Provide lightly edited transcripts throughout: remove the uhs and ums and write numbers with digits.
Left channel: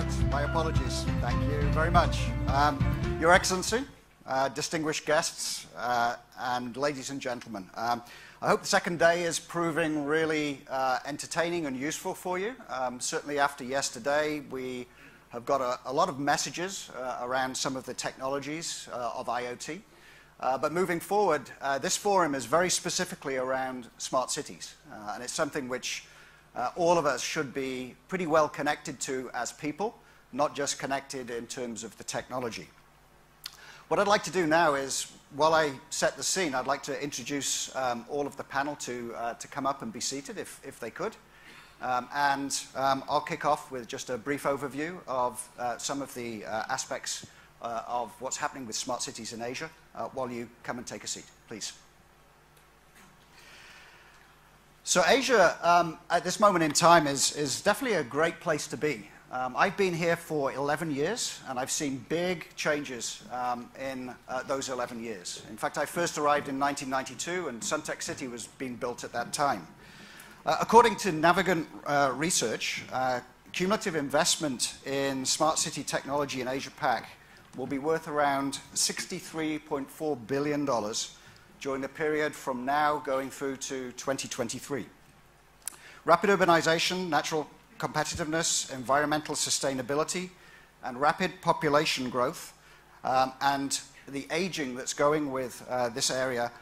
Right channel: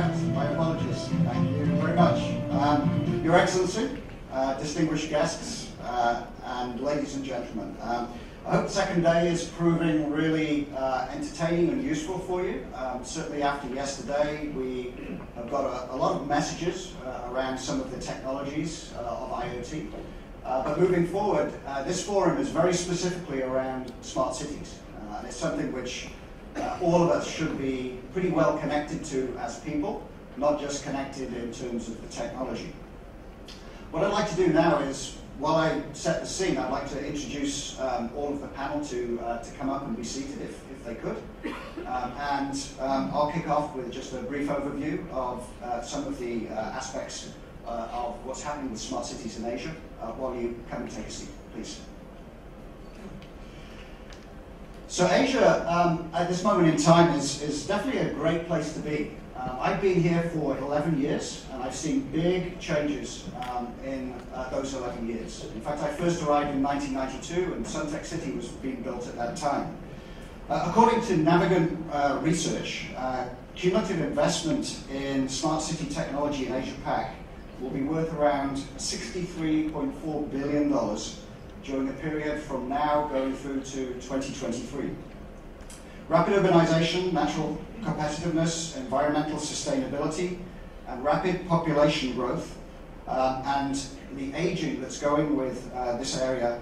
out. My apologies. Thank you very much. Your Excellency, distinguished guests, and ladies and gentlemen, I hope the second day is proving really entertaining and useful for you. Certainly after yesterday, we have got a lot of messages around some of the technologies of IoT. But moving forward, this forum is very specifically around smart cities. And it's something which all of us should be pretty well connected to as people, not just connected in terms of the technology. What I'd like to do now is, while I set the scene, I'd like to introduce all of the panel to come up and be seated if they could. I'll kick off with just a brief overview of some of the aspects of what's happening with smart cities in Asia while you come and take a seat, please. So Asia, at this moment in time, is definitely a great place to be. I've been here for 11 years, and I've seen big changes in those 11 years. In fact, I first arrived in 1992, and Suntec City was being built at that time. According to Navigant research, cumulative investment in smart city technology in Asia-Pac will be worth around $63.4 billion during the period from now going through to 2023. Rapid urbanization, natural competitiveness, environmental sustainability, and rapid population growth, and the aging that's going with this area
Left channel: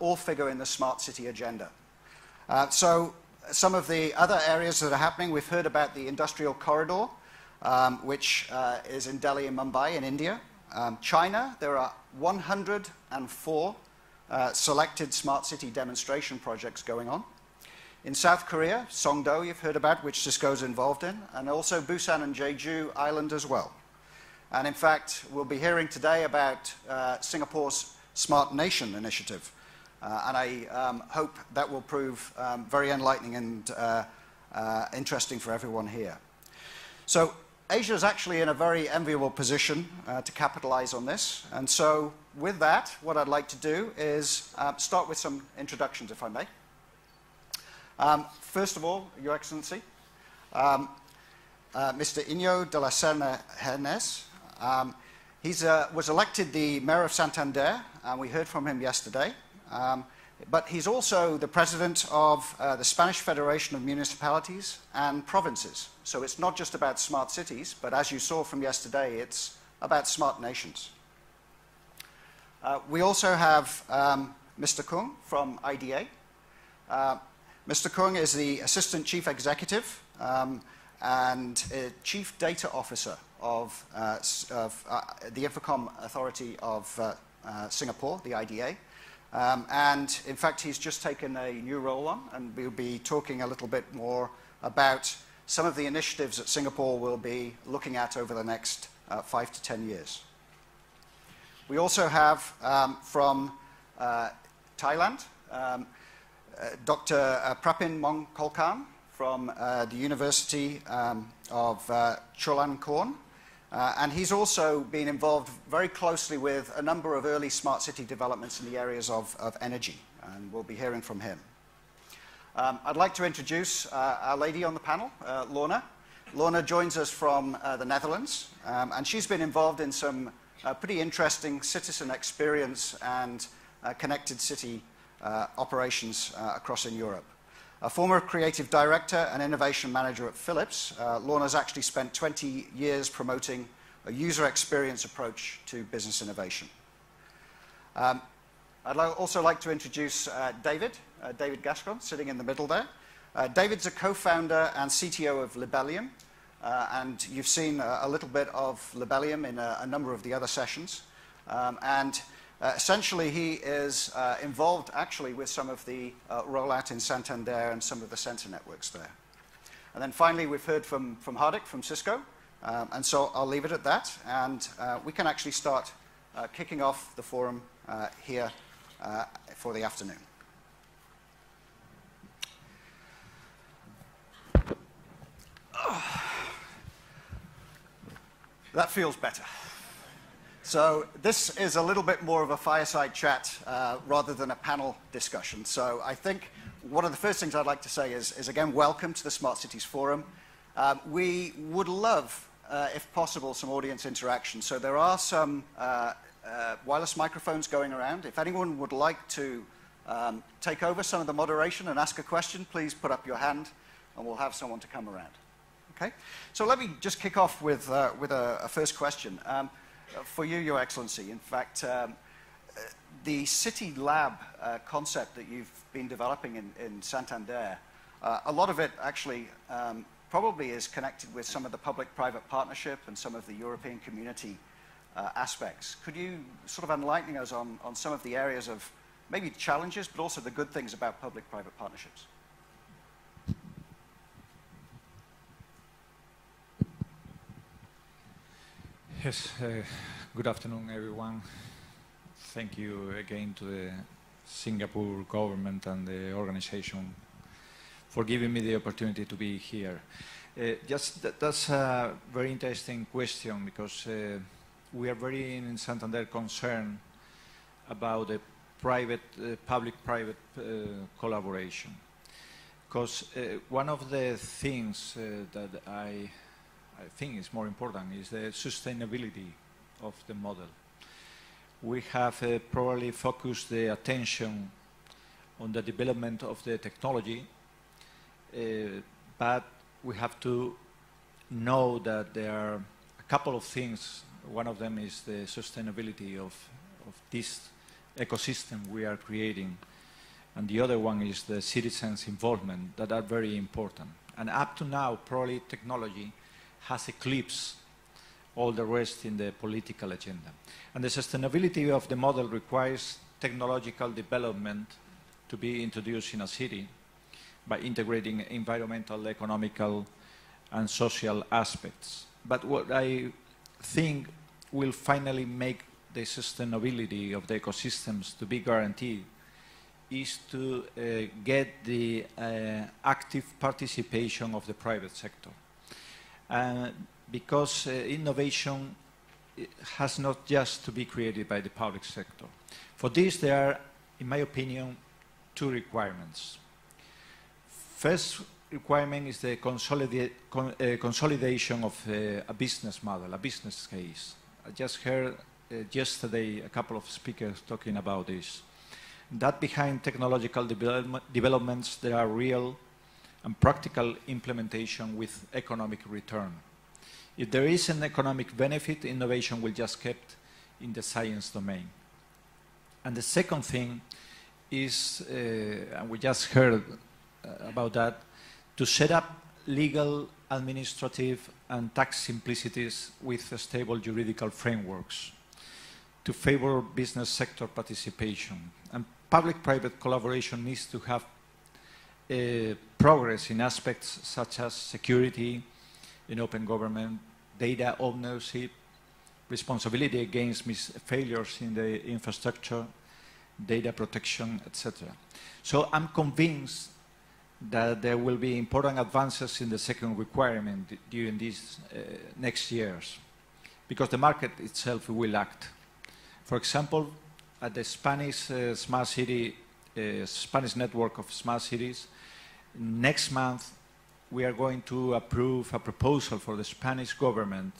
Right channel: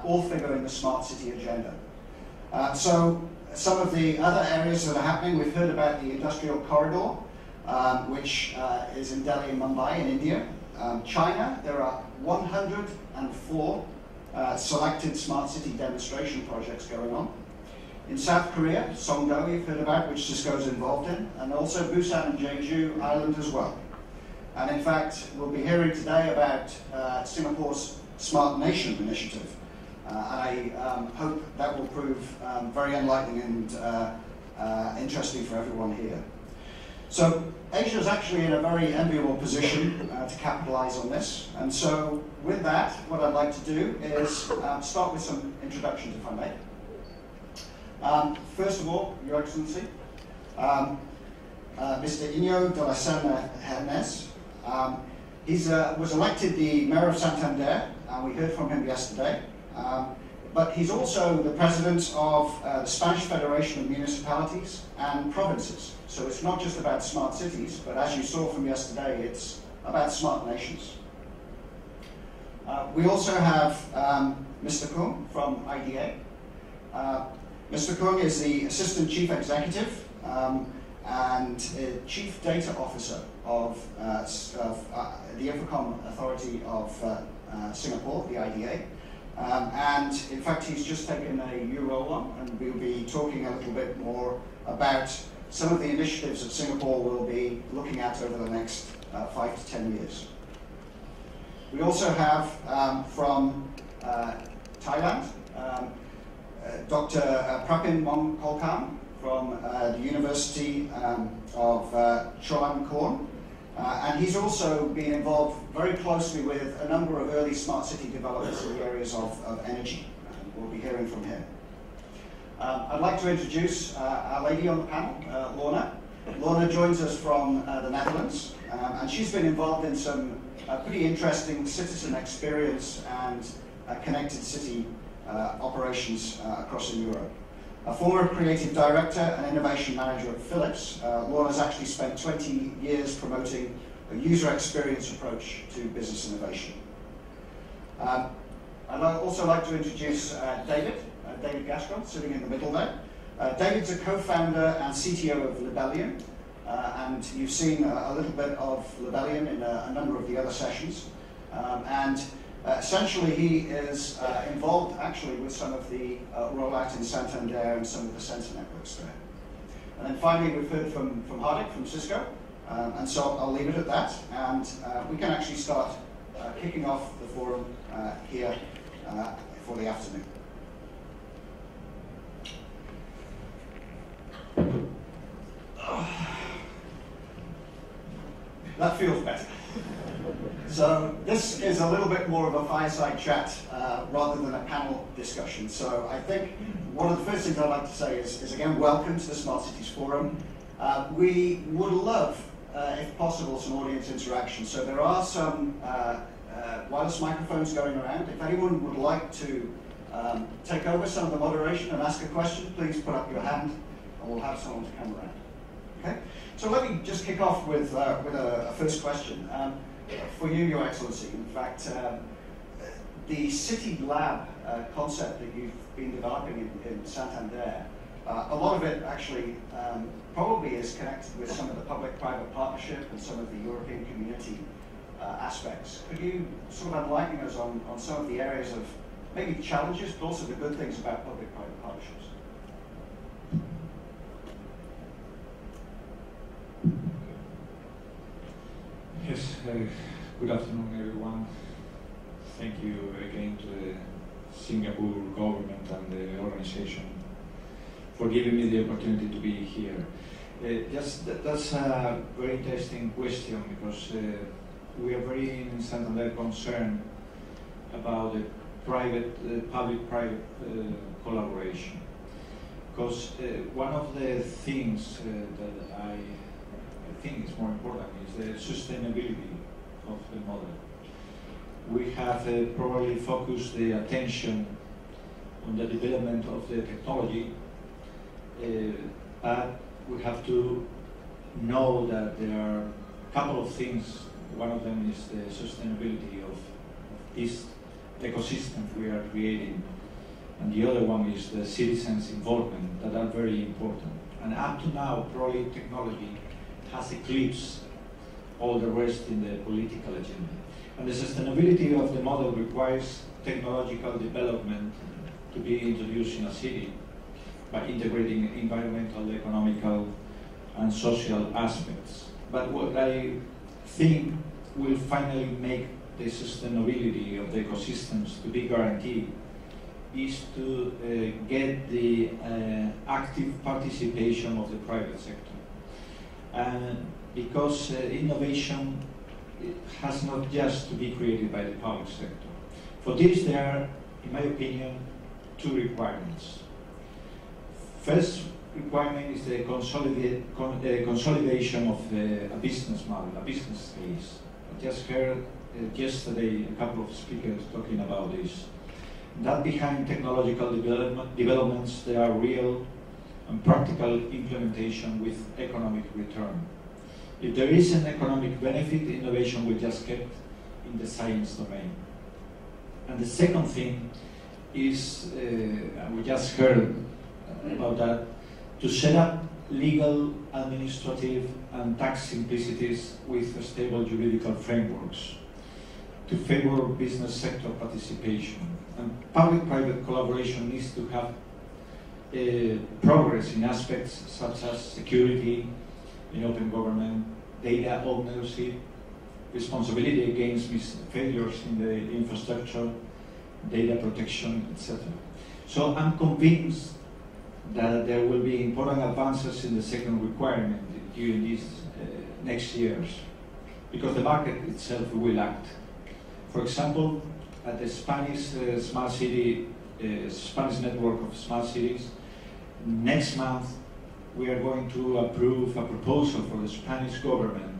all figure in the smart city agenda. So some of the other areas that are happening, we've heard about the industrial corridor, which is in Delhi and Mumbai in India. China, there are 104 selected smart city demonstration projects going on. In South Korea, Songdo you've heard about, which Cisco's involved in, and also Busan and Jeju Island as well. And in fact, we'll be hearing today about Singapore's Smart Nation initiative. And I hope that will prove very enlightening and interesting for everyone here. So Asia is actually in a very enviable position to capitalize on this. And so with that, what I'd like to do is start with some introductions, if I may. First of all, Your Excellency, Mr. Iñigo de la Serna Hernes. He was elected the Mayor of Santander, and we heard from him yesterday. But he's also the president of the Spanish Federation of Municipalities and Provinces. So it's not just about smart cities, but as you saw from yesterday, it's about smart nations. We also have Mr. Kung from IDA. Mr. Kung is the Assistant Chief Executive and Chief Data Officer of the Infocomm Authority of Singapore, the IDA. And in fact, he's just taken a new role on, and we'll be talking a little bit more about some of the initiatives that Singapore will be looking at over the next 5 to 10 years. We also have from Thailand, Dr. Prapin Mongkolkam from the University of Chulalongkorn. And he's also been involved very closely with a number of early smart city developments in the areas of energy. And we'll be hearing from him. I'd like to introduce our lady on the panel, Lorna. Lorna joins us from the Netherlands, and she's been involved in some pretty interesting citizen experience and connected city operations across in Europe. A former creative director and innovation manager at Philips, Lorna's actually spent 20 years promoting a user experience approach to business innovation. I'd also like to introduce David Gascon, sitting in the middle there. David's a co-founder and CTO of Libellium, and you've seen a little bit of Libellium in a number of the other sessions. Essentially, he is involved actually with some of the rollout in Santander and some of the sensor networks there. And then finally, we've heard from Hardik from Cisco, and so I'll leave it at that, and we can actually start kicking off the forum here for the afternoon. That feels better. So this is a little bit more of a fireside chat rather than a panel discussion. So I think one of the first things I'd like to say is again, welcome to the Smart Cities Forum. We would love if possible, some audience interaction. So there are some wireless microphones going around. If anyone would like to take over some of the moderation and ask a question, please put up your hand and we'll have someone to come around. Okay? So let me just kick off with a first question. For you, Your Excellency, in fact, the City Lab concept that you've been developing in Santander, a lot of it actually probably is connected with some of the public-private partnership and some of the European community aspects. Could you sort of enlighten us on some of the areas of maybe challenges, but also the good things about public-private partnerships? Yes, good afternoon, everyone. Thank you again to the Singapore government and the organization for giving me the opportunity to be here. That's a very interesting question, because we are very in Santander concerned about the public-private collaboration. Because one of the things that I think is more important is the sustainability of the model. We have probably focused the attention on the development of the technology, but we have to know that there are a couple of things. One of them is the sustainability of this ecosystem we are creating, and the other one is the citizens' involvement, that are very important. And up to now, probably technology has eclipsed all the rest in the political agenda. And the sustainability of the model requires technological development to be introduced in a city by integrating environmental, economical, and social aspects. But what I think will finally make the sustainability of the ecosystems to be guaranteed is to get the active participation of the private sector. And because innovation has not just to be created by the public sector. For this, there are, in my opinion, two requirements. First requirement is the consolidation of a business model, a business case. I just heard yesterday a couple of speakers talking about this. That behind technological developments, there are real and practical implementation with economic return. If there is an economic benefit, innovation will just kept in the science domain. And the second thing is, and we just heard about that, to set up legal, administrative, and tax simplicities with stable juridical frameworks to favor business sector participation. And public-private collaboration needs to have progress in aspects such as security in open government, data ownership, responsibility against failures in the infrastructure, data protection, etc. So I'm convinced that there will be important advances in the second requirement during these next years, because the market itself will act. For example, at the Spanish smart city, Spanish network of smart cities, next month we are going to approve a proposal for the Spanish government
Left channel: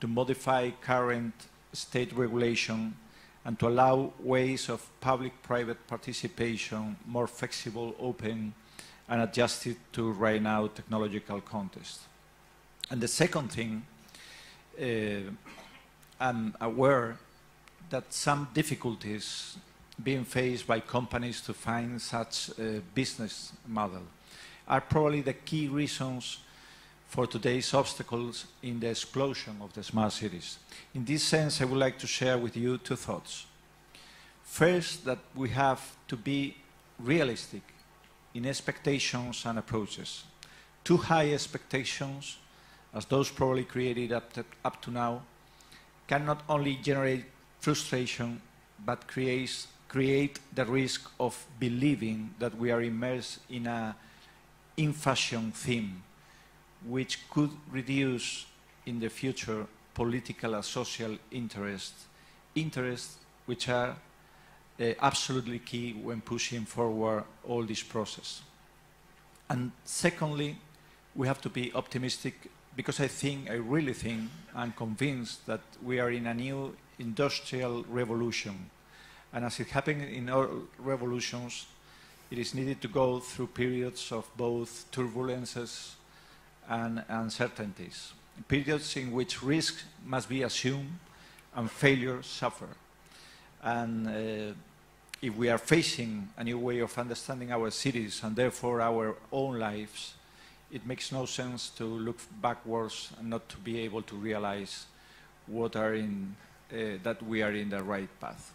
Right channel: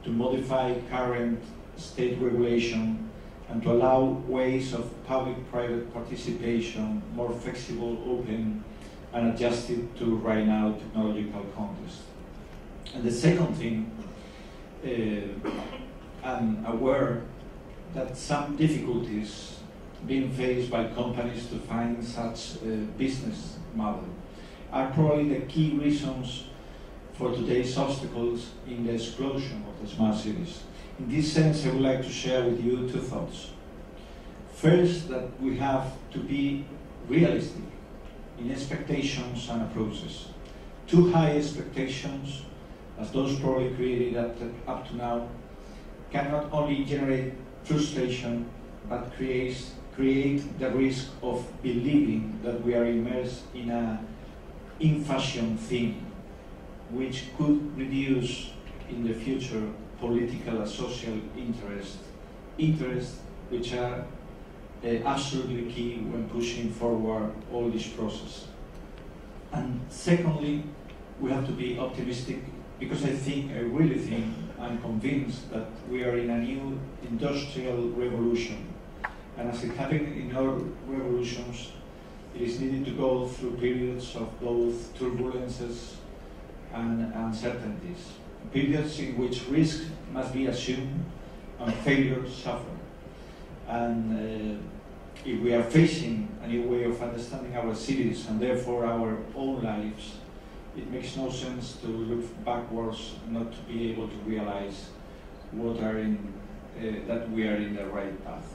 to modify current state regulation and to allow ways of public-private participation more flexible, open, and adjusted to right now technological context. And the second thing, I'm aware that some difficulties being faced by companies to find such a business model are probably the key reasons for today's obstacles in the explosion of the smart cities. In this sense, I would like to share with you two thoughts. First, that we have to be realistic in expectations and approaches. Too high expectations, as those probably created up to now, can not only generate frustration, but create the risk of believing that we are immersed in a in-fashion theme, which could reduce in the future political and social interests which are absolutely key when pushing forward all this process. And secondly, we have to be optimistic because I really think, I'm convinced that we are in a new industrial revolution. And as it happened in all revolutions, it is needed to go through periods of both turbulences and uncertainties, periods in which risk must be assumed and failure suffer. And if we are facing a new way of understanding our cities and therefore our own lives, it makes no sense to look backwards and not to be able to realize that we are in the right path.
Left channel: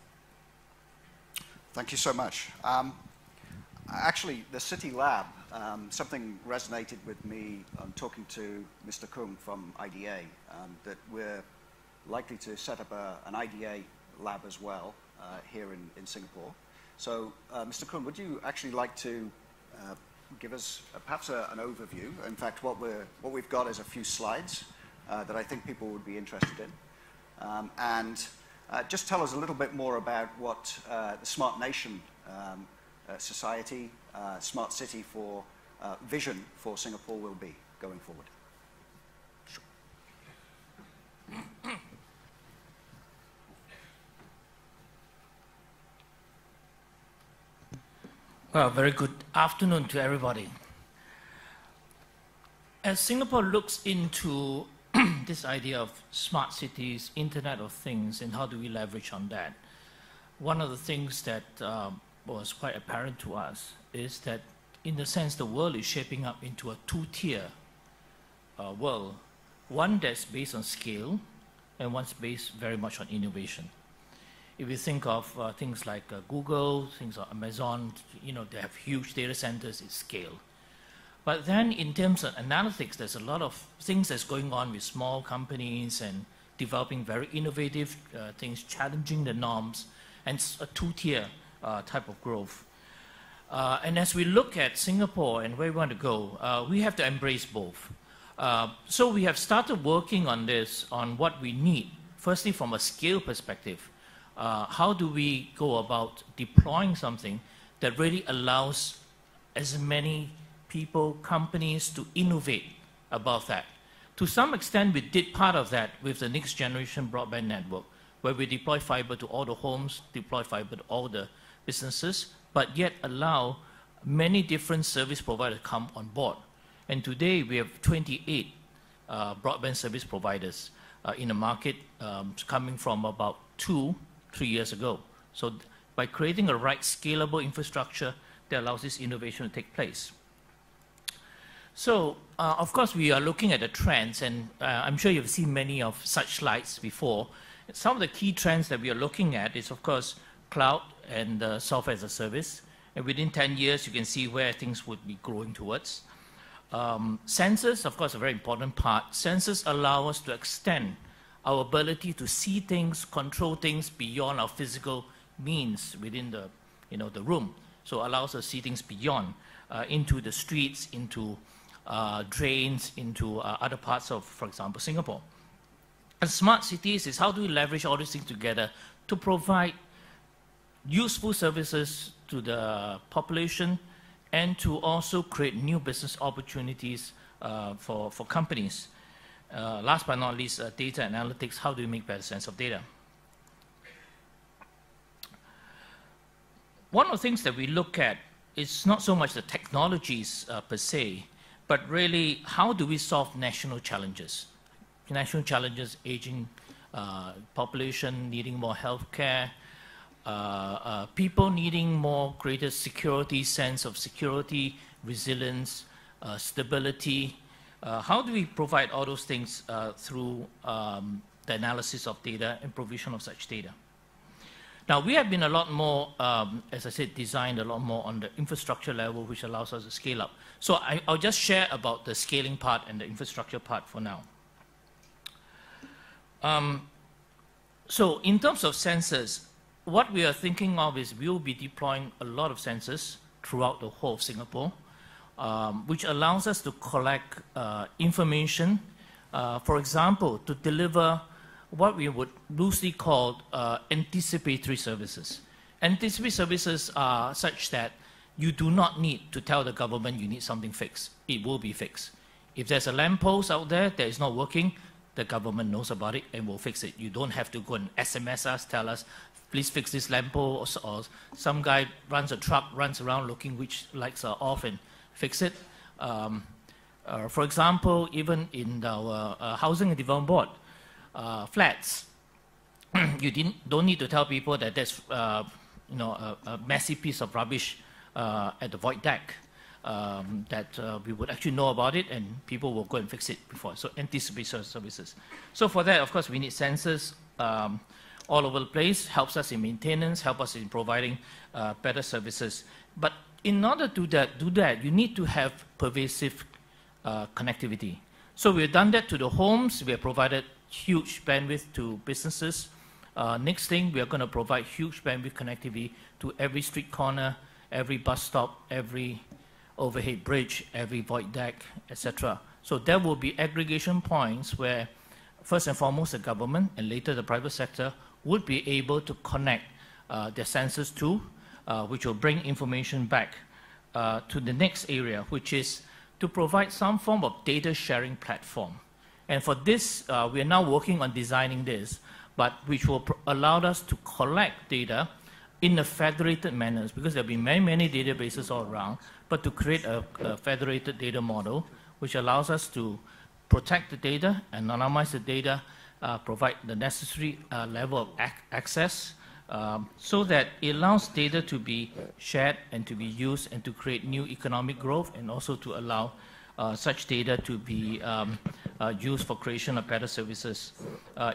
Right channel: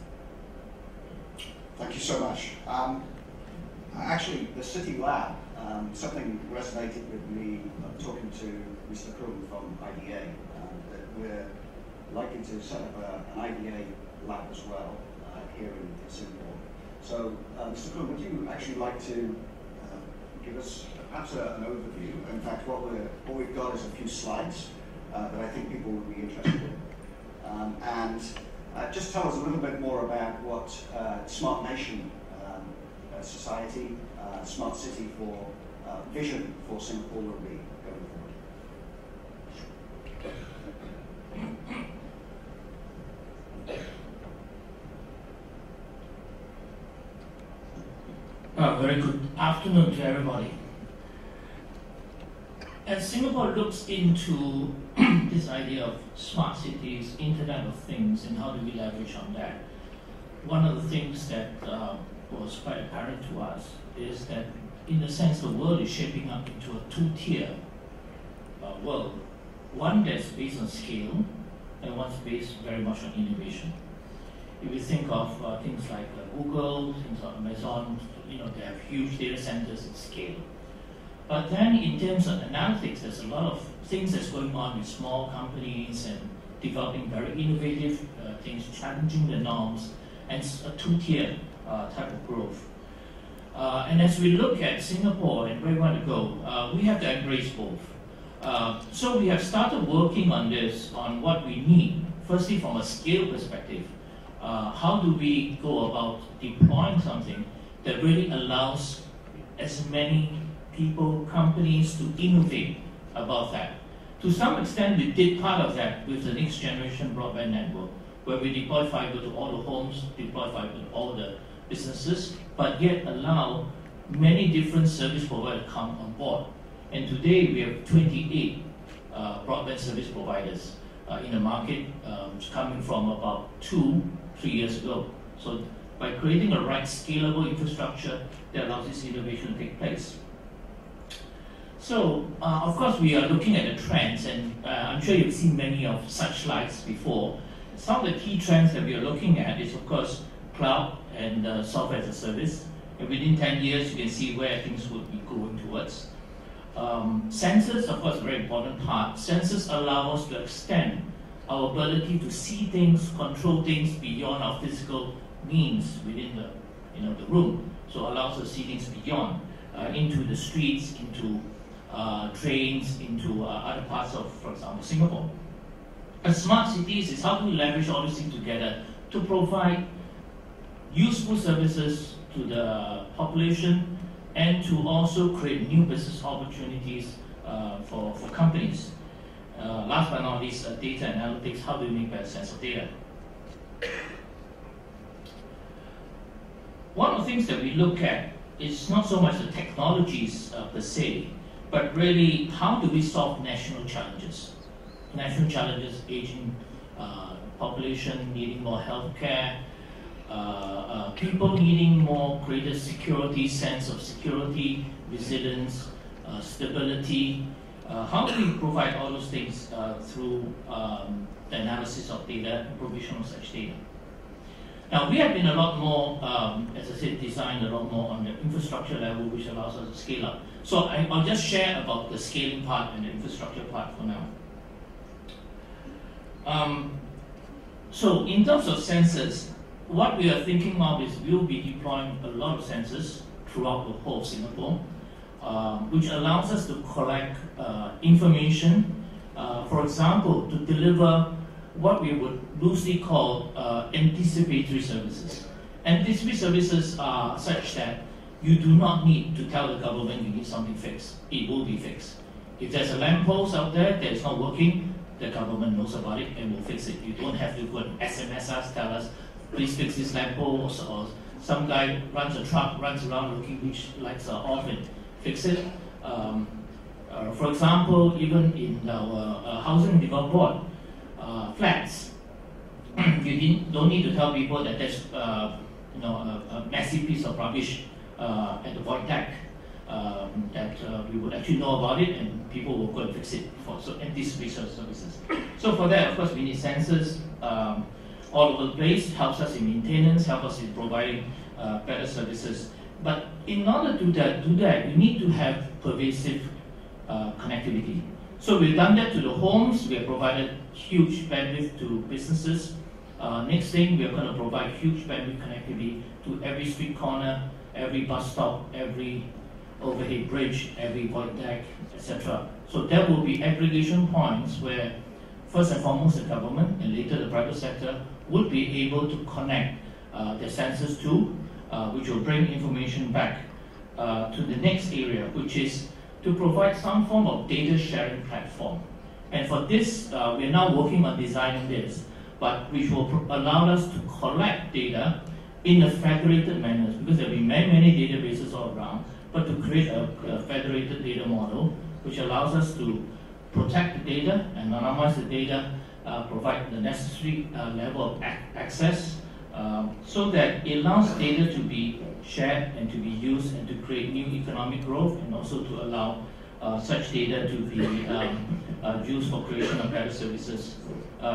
Thank you so much. Actually, the City Lab, something resonated with me talking to Mr. Kuhn from IDA, that we're likely to set up an IDA lab as well here in Singapore. So, Mr. Kuhn, would you actually like to give us perhaps an overview? In fact, what we've got is a few slides that I think people would be interested in. And just tell us a little bit more about what Smart Nation Society, Smart City for vision for Singapore will be going forward. Well, very good afternoon to everybody. As Singapore looks into this idea of smart cities, Internet of Things, and how do we leverage on that, one of the things that was quite apparent to us is that, in the sense, the world is shaping up into a two-tier world. One that's based on scale, and one's based very much on innovation. If you think of things like Google, things like Amazon, they have huge data centers at scale. But then in terms of analytics, there's a lot of things that's going on with small companies and developing very innovative things, challenging the norms, and a two-tier type of growth. And as we look at Singapore and where we want to go, we have to embrace both. So we have started working on this, on what we need. Firstly, from a scale perspective, how do we go about deploying something that really allows as many people, companies to innovate above that. To some extent, we did part of that with the next generation broadband network, where we deploy fiber to all the homes, deploy fiber to all the businesses, but yet allow many different service providers to come on board. And today we have 28 broadband service providers in the market, coming from about 2-3 years ago. So by creating a right scalable infrastructure that allows this innovation to take place. So, of course, we are looking at the trends, and I'm sure you've seen many of such slides before. Some of the key trends that we are looking at is, of course, cloud and software as a service. And within 10 years, you can see where things would be going towards. Sensors, of course, a very important part. Sensors allow us to extend our ability to see things, control things beyond our physical means within the room. So it allows us to see things beyond, into the streets, into trains, into other parts of, for example, Singapore. And smart cities is how do we leverage all these things together to provide useful services to the population and to also create new business opportunities for companies. Last but not least, data analytics, how do we make better sense of data? One of the things that we look at is not so much the technologies per se, but really how do we solve national challenges? National challenges, aging population needing more healthcare, people needing more greater security, sense of security, resilience, stability. How do we provide all those things through the analysis of data and provision of such data? Now, we have been a lot more, as I said, designed a lot more on the infrastructure level, which allows us to scale up. So I'll just share about the scaling part and the infrastructure part for now. So in terms of sensors, what we are thinking of is we will be deploying a lot of sensors throughout the whole of Singapore, which allows us to collect information, for example, to deliver what we would loosely call anticipatory services. Anticipatory services are such that you do not need to tell the government you need something fixed. It will be fixed. If there's a lamppost out there that is not working, the government knows about it and will fix it. You don't have to go and SMS us, tell us, please fix this lamppost, or some guy runs a truck, runs around looking which lights are off and fix it. For example, even in our Housing and Development Board flats, you don't need to tell people that there's a messy piece of rubbish at the void deck. That we would actually know about it and people will go and fix it before. So anticipation services. So for that, of course, we need sensors all over the place, helps us in maintenance, helps us in providing better services. But in order to do that, you need to have pervasive connectivity. So we've done that to the homes, we have provided huge bandwidth to businesses. Next thing, we are going to provide huge bandwidth connectivity to every street corner, every bus stop, every overhead bridge, every void deck, etc. So there will be aggregation points where first and foremost the government and later the private sector would be able to connect their sensors to, which will bring information back to the next area, which is to provide some form of data sharing platform. And for this, we're now working on designing this, but which will allow us to collect data in a federated manner, because there will be many databases all around, but to create a federated data model which allows us to protect the data, anonymize the data, provide the necessary level of access, so that it allows data to be shared and to be used and to create new economic growth, and also to allow such data to be used for creation of better services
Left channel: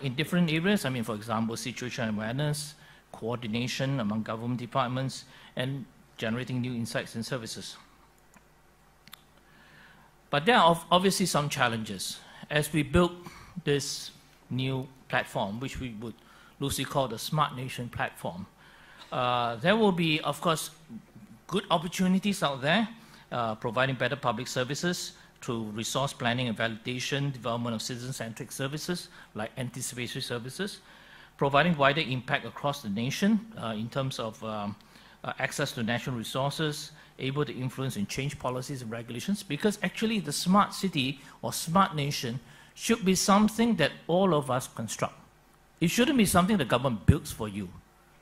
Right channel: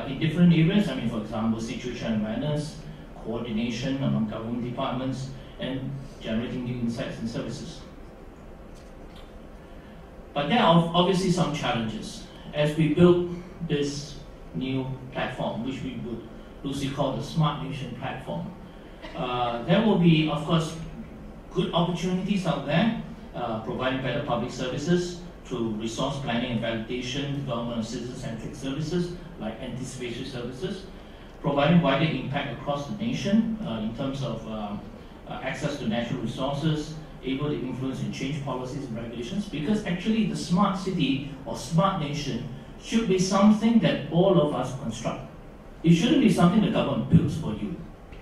in different areas. I mean, for example, situation awareness, coordination among government departments, and generating new insights and services. But there are obviously some challenges. As we build this new platform, which we would loosely call the Smart Nation platform, there will be, of course, good opportunities out there, providing better public services through resource planning and validation, development of citizen-centric services like anticipatory services, providing wider impact across the nation in terms of access to natural resources, able to influence and change policies and regulations, because actually the smart city or smart nation should be something that all of us construct. It shouldn't be something the government builds for you.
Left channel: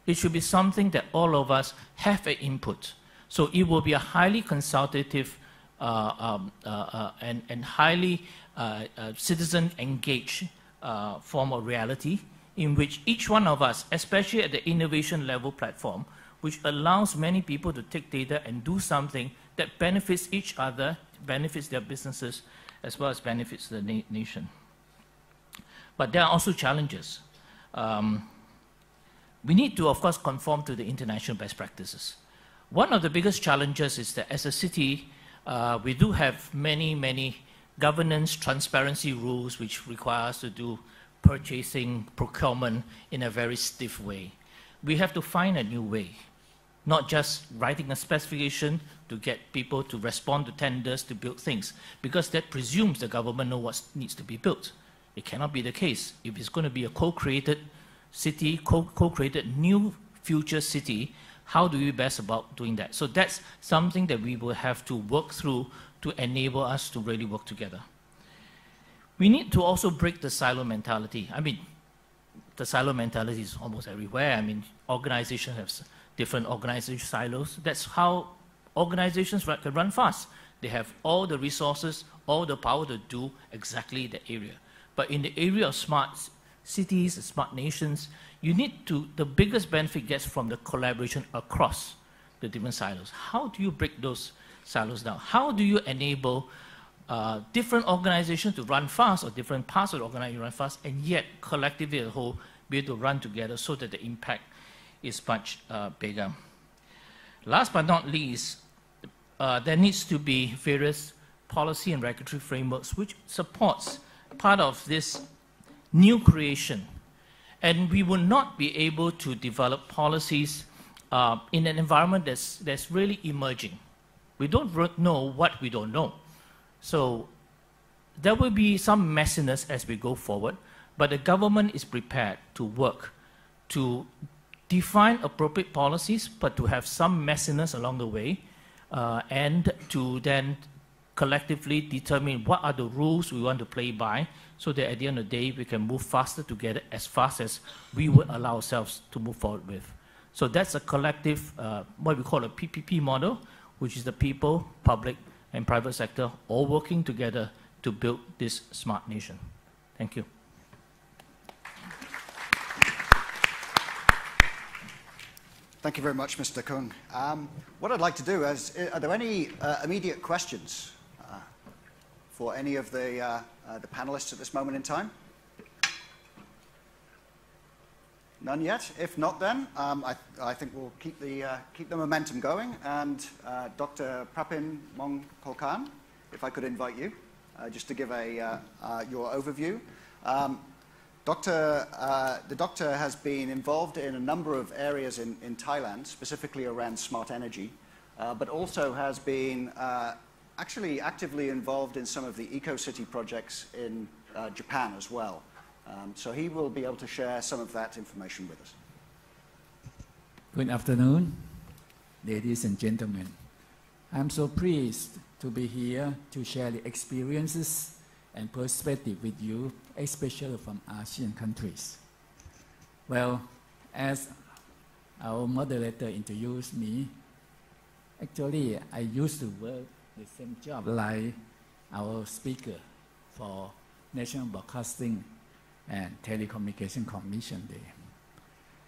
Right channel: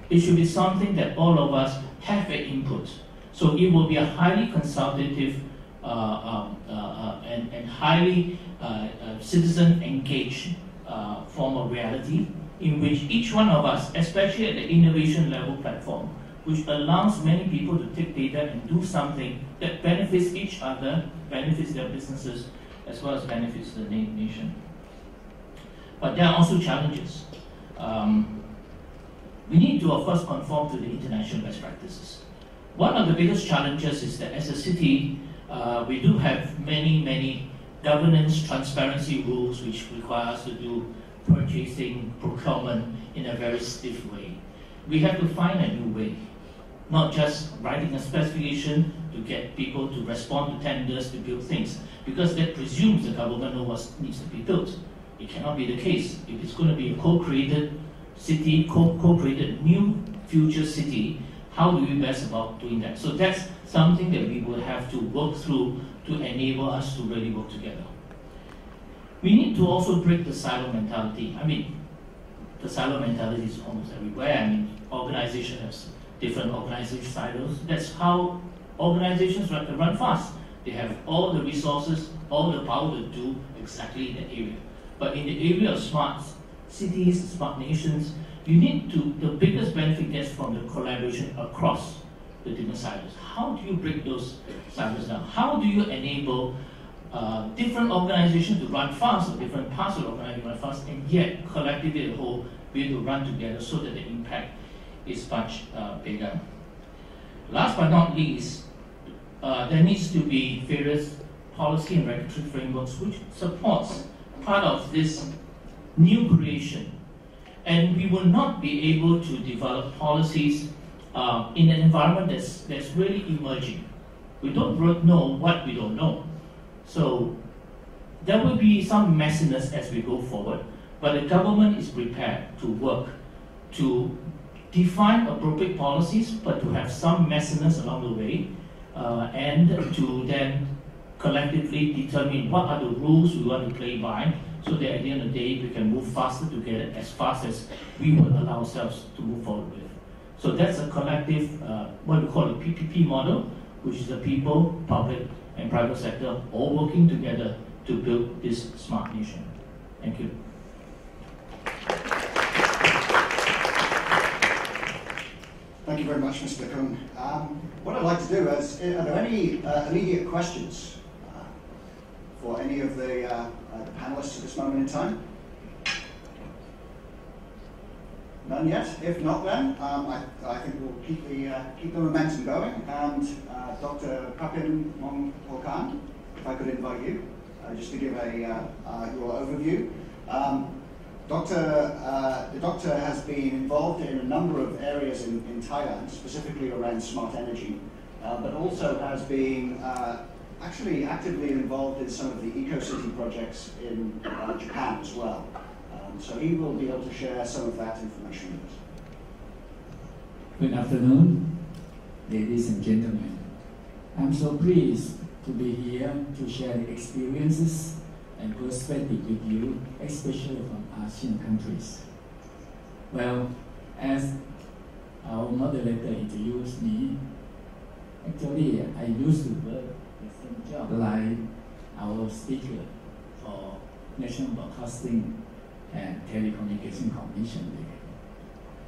It should be something that all of us have an input. So it will be a highly consultative and highly citizen engaged form of reality, in which each one of us, especially at the innovation level platform, which allows many people to take data and do something that benefits each other, benefits their businesses, as well as benefits the nation. But there are also challenges. We need to, of course, conform to the international best practices. One of the biggest challenges is that as a city, we do have many governance transparency rules which require us to do purchasing, procurement in a very stiff way. We have to find a new way, not just writing a specification to get people to respond to tenders to build things, because that presumes the government knows what needs to be built. It cannot be the case. If it's going to be a co-created city, co-created new future city, how do we best about doing that? So that's something that we will have to work through to enable us to really work together. We need to also break the silo mentality. I mean, the silo mentality is almost everywhere. I mean, organizations have different organization silos. That's how organizations can run fast. They have all the resources, all the power to do exactly the area. But in the area of smart cities, smart nations, you need to, the biggest benefit gets from the collaboration across the different silos. How do you break those silos down? How do you enable different organizations to run fast, or different parts of the organization run fast, and yet collectively as a whole be able to run together so that the impact is much bigger? Last but not least, there needs to be various policy and regulatory frameworks which supports part of this new creation. And we will not be able to develop policies in an environment that's really emerging. We don't know what we don't know. So there will be some messiness as we go forward, but the government is prepared to work to define appropriate policies, but to have some messiness along the way, and to then collectively determine what are the rules we want to play by, so that at the end of the day we can move faster together as fast as we would allow ourselves to move forward with. So that's a collective, what we call a PPP model, which is the people, public, and private sector all working together to build this smart nation. Thank you. Thank you very much, Mr. Kung. What I'd like to do is, are there any immediate questions for any of the panelists at this moment in time? None yet? If not, then I think we'll keep the momentum going. And Dr. Prapin Mongkol, if I could invite you, just to give your overview. The doctor has been involved in a number of areas in Thailand, specifically around smart energy, but also has been actually actively involved in some of the EcoCity projects in Japan as well. So he will be able to share some of that information with us. Good afternoon, ladies and gentlemen. I'm so pleased to be here to share the experiences and perspective with you, especially from ASEAN countries. Well, as our moderator introduced me, actually I used to work the same job like our speaker for National Broadcasting and Telecommunication Commission there.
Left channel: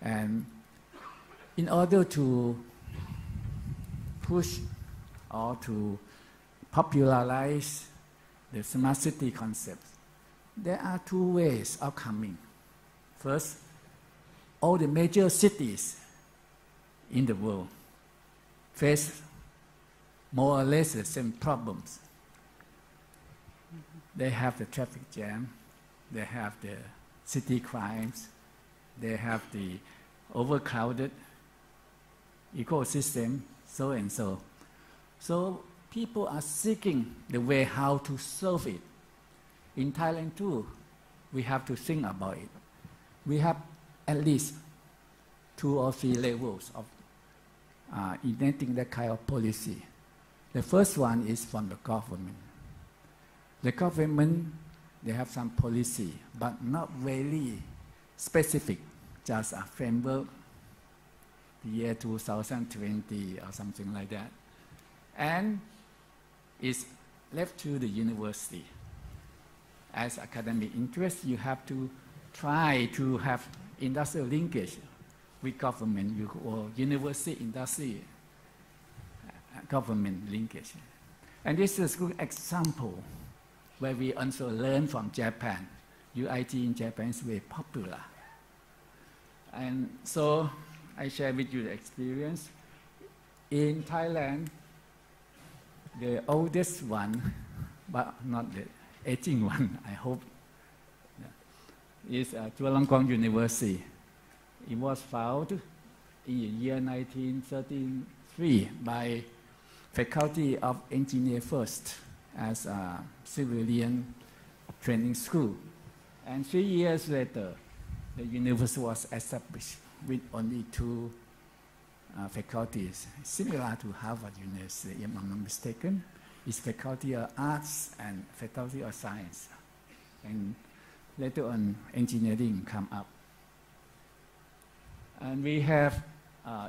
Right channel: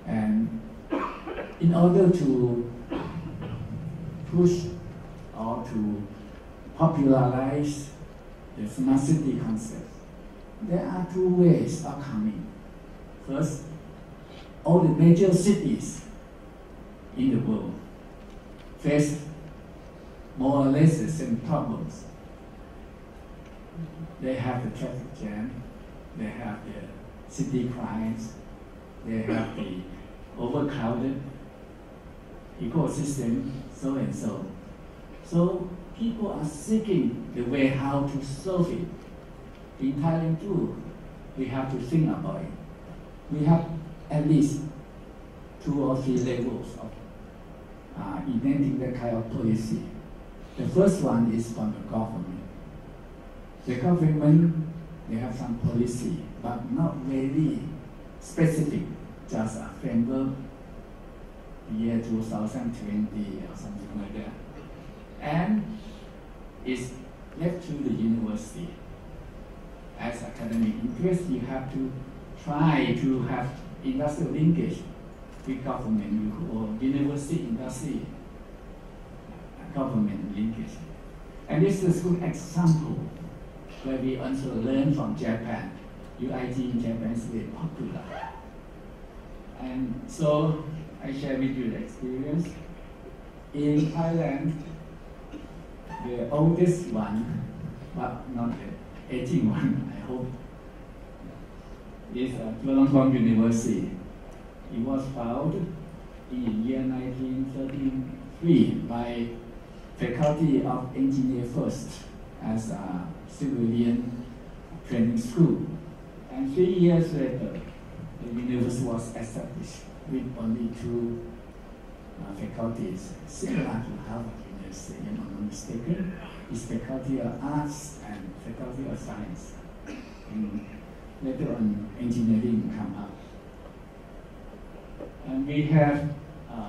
And in order to push or to popularize the smart city concept, there are two ways of coming. First, all the major cities in the world face more or less the same problems. They have the traffic jam, they have the city crimes, they have the overcrowded ecosystem, so and so. So people are seeking the way how to solve it. In Thailand too, we have to think about it. We have at least 2 or 3 levels of inventing that kind of policy. The first one is from the government. The government, they have some policy, but not very specific, just a framework, year 2020 or something like that. And it's left to the university. As academic interest, you have to try to have industrial linkage with government or university industry government linkage. And this is a good example where we also learn from Japan. UIT in Japan is very popular. And so I share with you the experience. In Thailand, the oldest one, but not the aging one, I hope, is Chulalongkorn University. It was founded in the year 1933 by Faculty of Engineer first as a civilian training school. And 3 years later, the university was established with only 2 faculties, similar to Harvard University, if I'm not mistaken. It's Faculty of Arts and Faculty of Science. And later on, engineering come up. And we have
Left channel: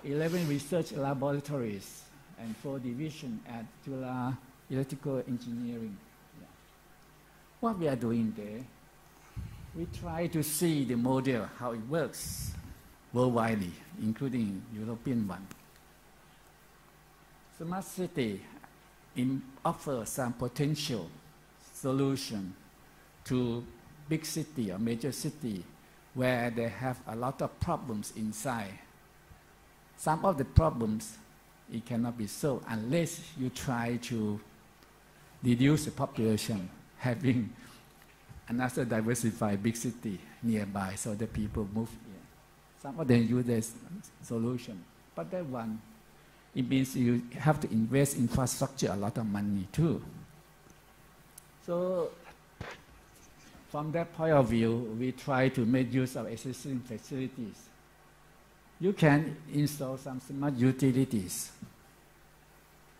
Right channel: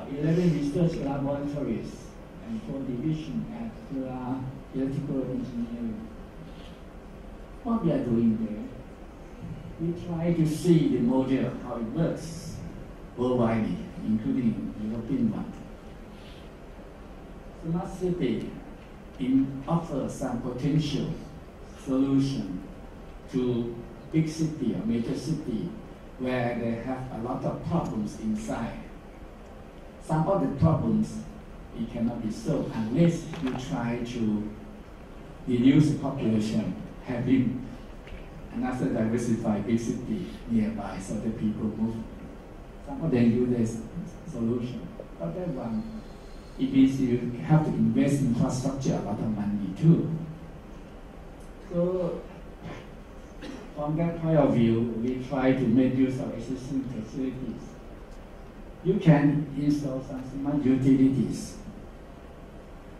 11 research laboratories and 4 divisions at Chula Electrical Engineering. What we are doing there, we try to see the model, how it works worldwide, including European one. Smart city offers some potential solution to big city or major city where they have a lot of problems inside. Some of the problems, it cannot be solved unless you try to reduce the population, having another diversified big city nearby so that people move. Some of them use this solution. But that one, it means you have to invest in infrastructure a lot of money too. So from that point of view, we try to make use of existing facilities. You can install some smart utilities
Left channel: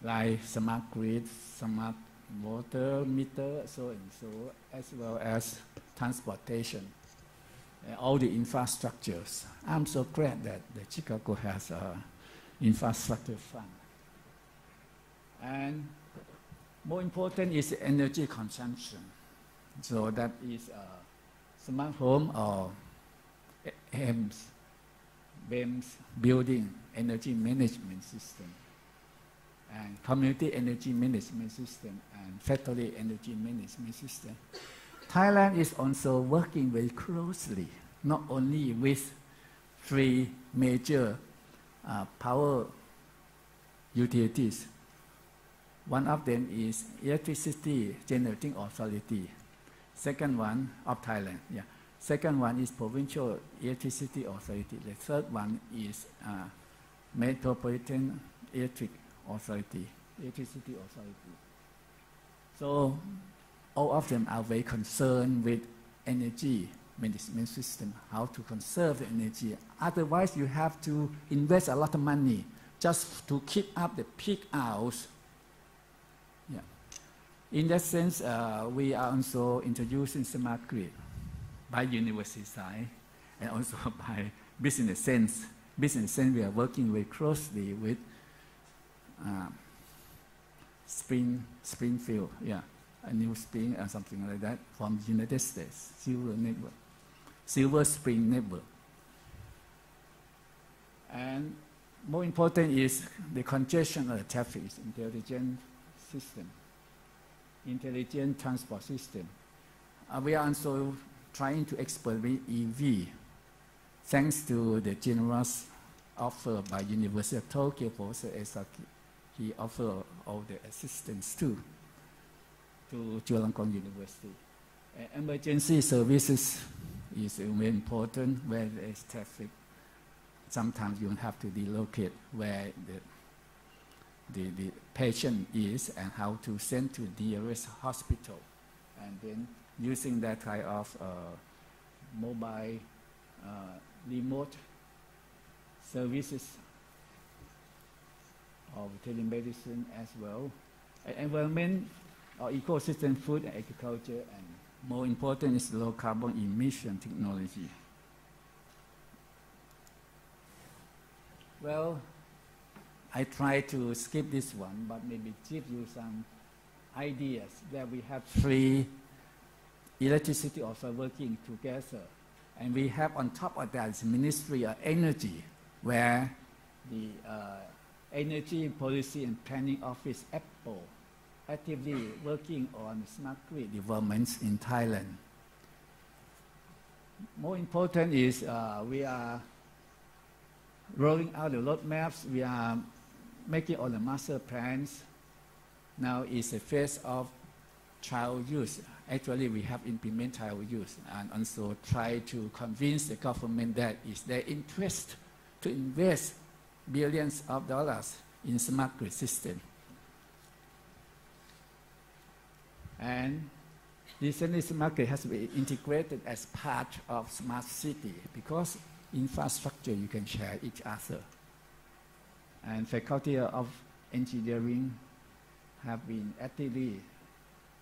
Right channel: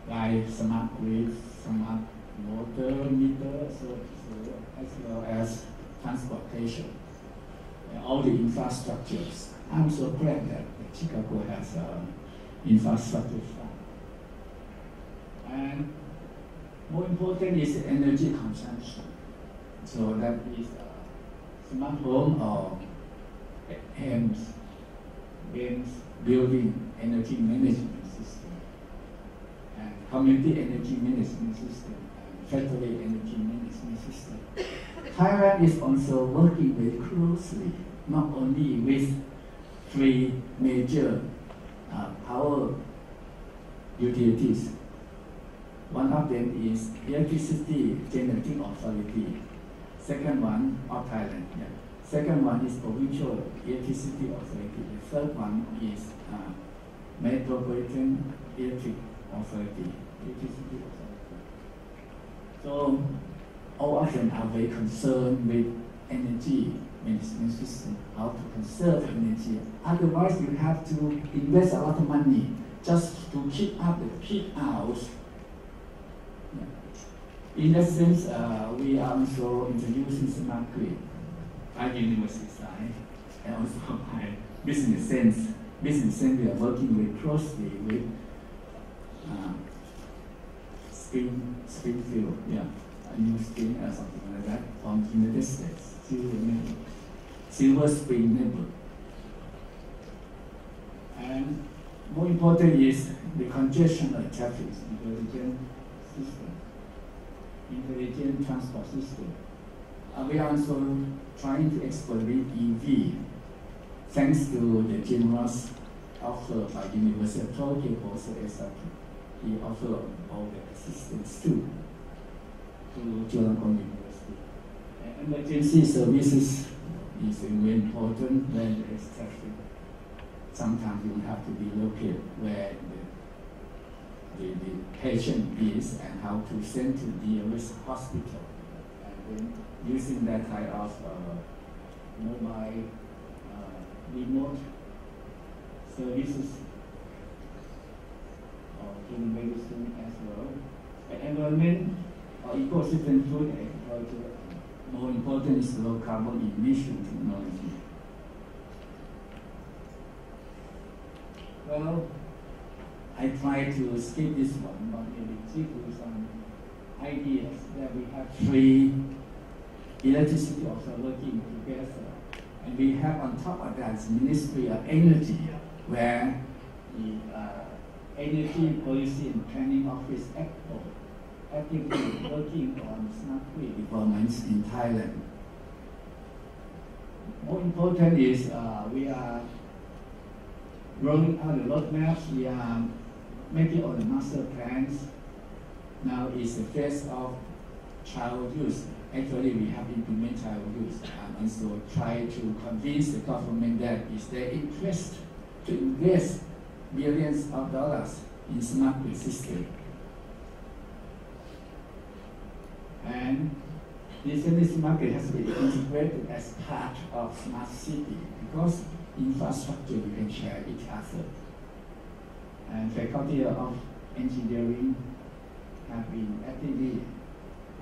like smart grid, smart all the infrastructures. I'm so glad that Chicago has an infrastructure fund. And more important is energy consumption. So that is smart home or HEMS, building energy management system, and community energy management system, and factory energy management system. Thailand is also working very closely, not only with 3 major power utilities. One of them is Electricity Generating Authority. Second one of Thailand. Yeah. Second one is Provincial Electricity Authority. The third one is Metropolitan Electric Authority. Electricity Authority. So all of them are very concerned with energy management system, how to conserve energy. Otherwise, you have to invest a lot of money just to keep up the peak hours. Yeah. In that sense, we are also introducing smart grid by university side and also by business sense. Business sense, we are working very closely with Springfield, yeah, a new spring or something like that from United States, Silver Spring Network. And more important is the congestion of traffic, intelligent transport system. We are also trying to expand EV, thanks to the generous offer by University of Tokyo Professor Esaki. He offered all the assistance too to Chulalongkorn University. Emergency services is very important when there is traffic. Sometimes you have to relocate where the patient is and how to send to the nearest hospital. And then using that kind of mobile remote services or telemedicine as well. And environment or ecosystem, food, agriculture. More important is low carbon emission technology. Well, I try to skip this one, but maybe give you some ideas that we have 3 electricity also working together. And we have on top of that Ministry of Energy, where the Energy Policy and Planning Office ACPO actively working on smart grid developments in Thailand. More important is we are rolling out the roadmaps. We are making all the master plans. Now is the phase of child use. Actually, we have implemented child use and also try to convince the government that it's their interest to invest billions of dollars in smart grid system. And this smart grid has been integrated as part of smart city because infrastructure you can share each other. And Faculty of Engineering have been actively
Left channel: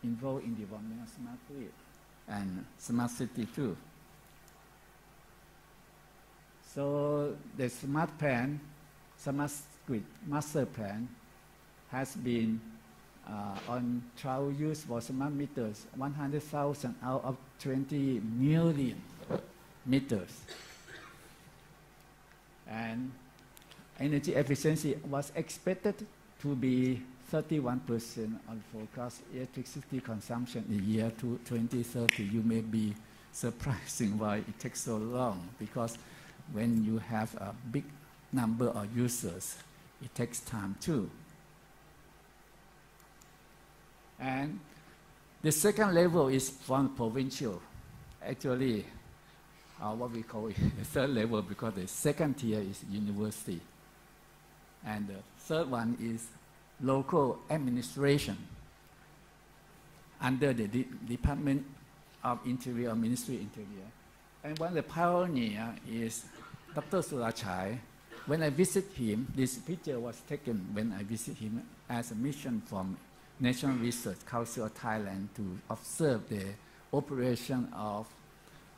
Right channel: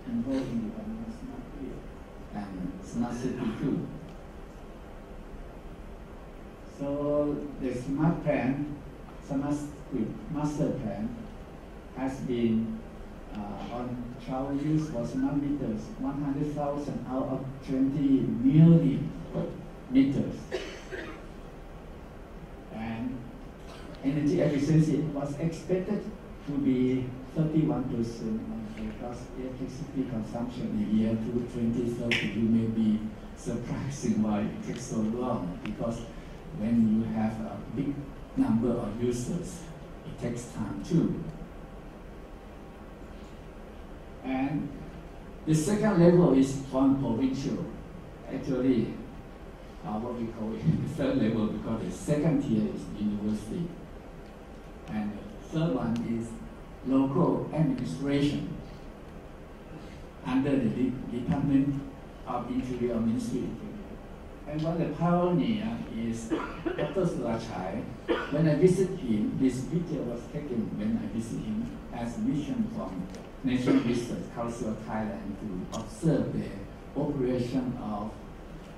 involved in development of smart grid and smart city too. So the smart plan, smart grid master plan has been on trial use for smart meters, 100,000 out of 20 million meters. And energy efficiency was expected to be 31% on forecast electricity consumption in the year 2030. You may be surprising why it takes so long, because when you have a big number of users, it takes time too. And the second level is from provincial. Actually, what we call it the third level, because the second tier is university. And the third one is local administration under the Department of Interior Ministry. And one of the pioneer is Dr. Surachai. When I visit him, this picture was taken when I visit him as a mission from National Research Council of Thailand to observe the operation of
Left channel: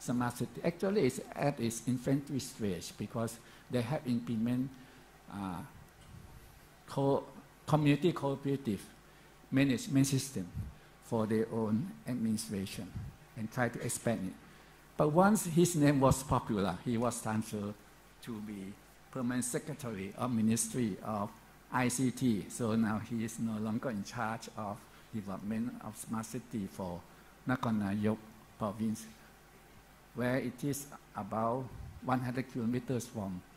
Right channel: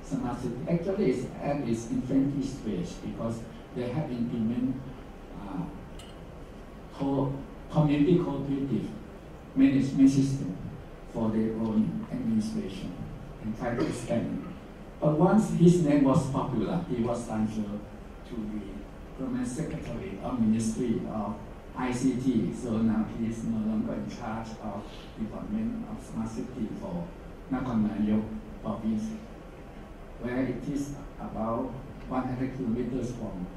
smart city. Actually, it's at its infantry stage because they have implemented community cooperative management system for their own administration and try to expand it. But once his name was popular, he was transferred to be permanent secretary of Ministry of ICT. So now he is no longer in charge of development of smart city for Nakhon Nayok province, where it is about 100 kilometers from